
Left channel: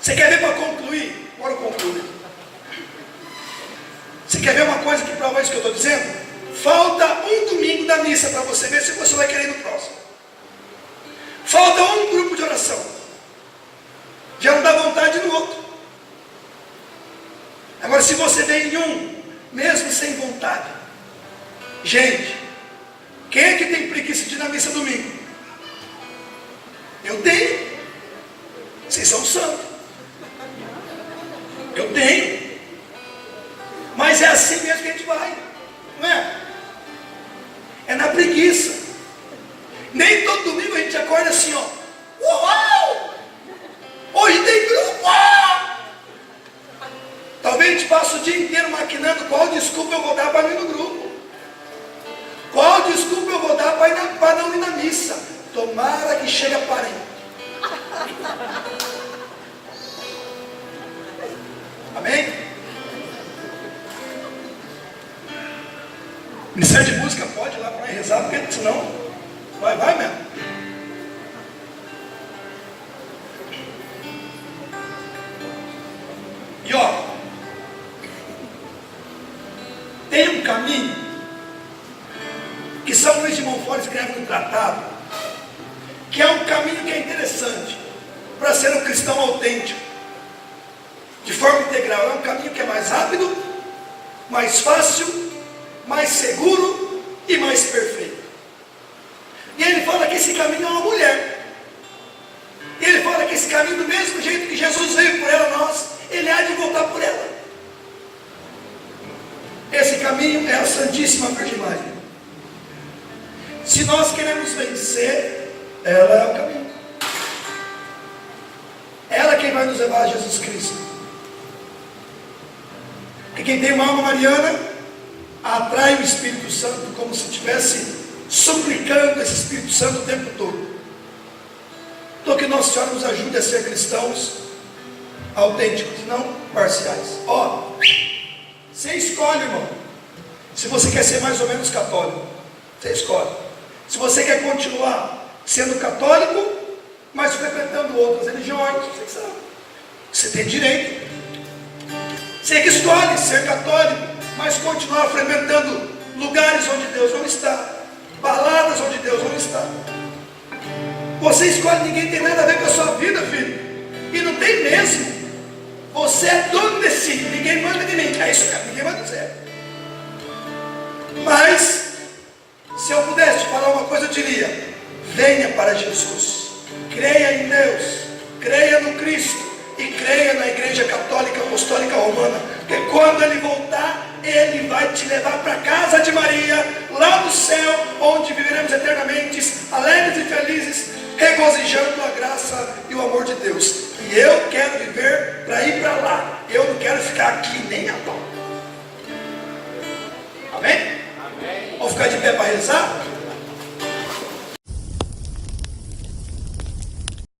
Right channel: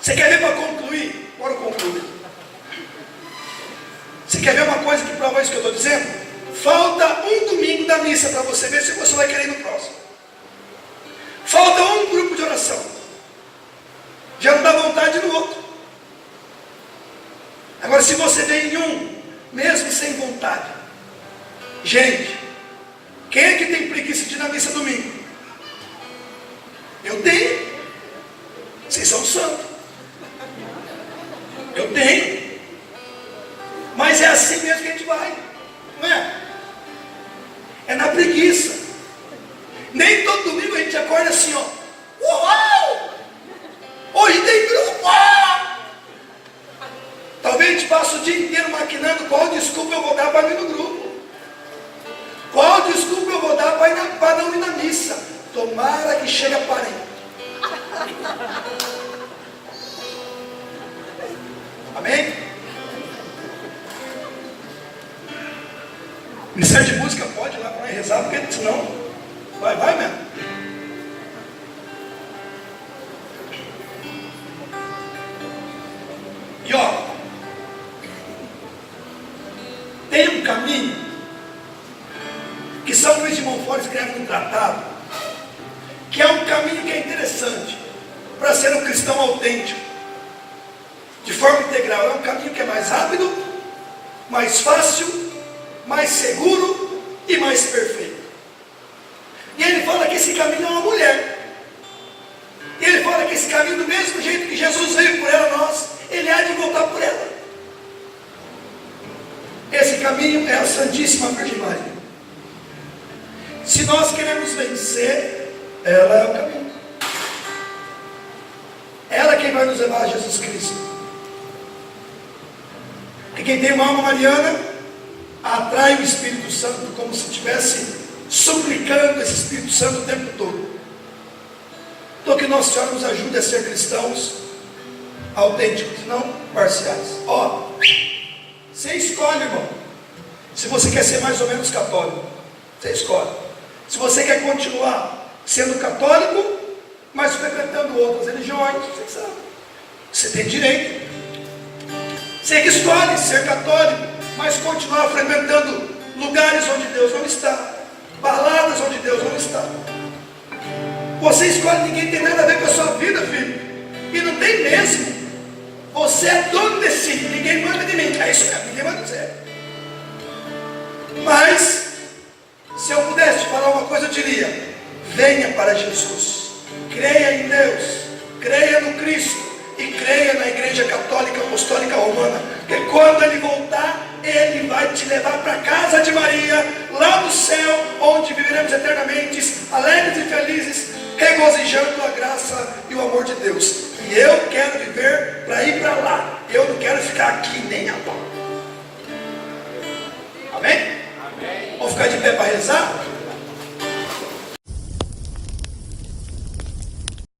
Você quer ver para concluir? Bora concluir. Você quer ver uma coisa que prova isso que eu estou dizendo? Falta um domingo da missa para você ver se você vai querer ir no próximo. Falta um grupo de oração. Já não dá vontade no outro. Agora, se você vem em um, mesmo sem vontade, gente, quem é que tem preguiça de ir na missa domingo? Eu tenho. Vocês são santos. Eu tenho. Mas é assim mesmo que a gente vai. Não é? É na preguiça. Nem todo domingo a gente acorda assim, ó. Uau! Hoje tem grupo! Talvez a gente passe o dia inteiro maquinando qual desculpa eu vou dar para ir no grupo. Qual desculpa eu vou dar para não ir na missa. Tomara que chegue a parente. Amém? Ministério de música pode ir lá para rezar, porque senão vai mesmo. E ó, tem um caminho que São Luís de Montfort escreve um tratado, que é um caminho que é interessante para ser um cristão autêntico, de forma integral. É um caminho que é mais rápido, mais fácil, mais seguro e mais perfeito. E ele fala que esse caminho é uma mulher. Ele fala que esse caminho, do mesmo jeito que Jesus veio por ela, ele há de voltar por ela. Esse caminho é a Santíssima Virgem Maria. Se nós queremos vencer, ela é o caminho. Ela é quem vai nos levar a Jesus Cristo. E quem tem uma alma mariana atrai o Espírito Santo como se estivesse suplicando esse Espírito Santo o tempo todo. Então que Nossa Senhora nos ajude a ser cristãos autênticos, não parciais. Ó, você escolhe, irmão. Se você quer ser mais ou menos católico, você escolhe. Se você quer continuar sendo católico, mas frequentando outras religiões, você sabe. Você tem direito. Você que escolhe ser católico, mas continuar frequentando lugares onde Deus não está, baladas onde Deus não está. Você escolhe, ninguém tem nada a ver com a sua vida, filho. E não tem mesmo. Você é dono desse, ninguém manda de mim. É isso mesmo, ninguém manda dizer. Mas, se eu pudesse te falar uma coisa, eu diria: venha para Jesus, creia em Deus, creia no Cristo e creia na Igreja Católica Apostólica Romana, porque quando Ele voltar, Ele vai te levar para a casa de Maria, lá no céu, onde viveremos eternamente, alegres e felizes, regozijando a graça e o amor de Deus. E eu quero viver para ir para lá. Eu não quero ficar aqui nem a pau. Amém? Amém. Vamos ficar de pé para rezar?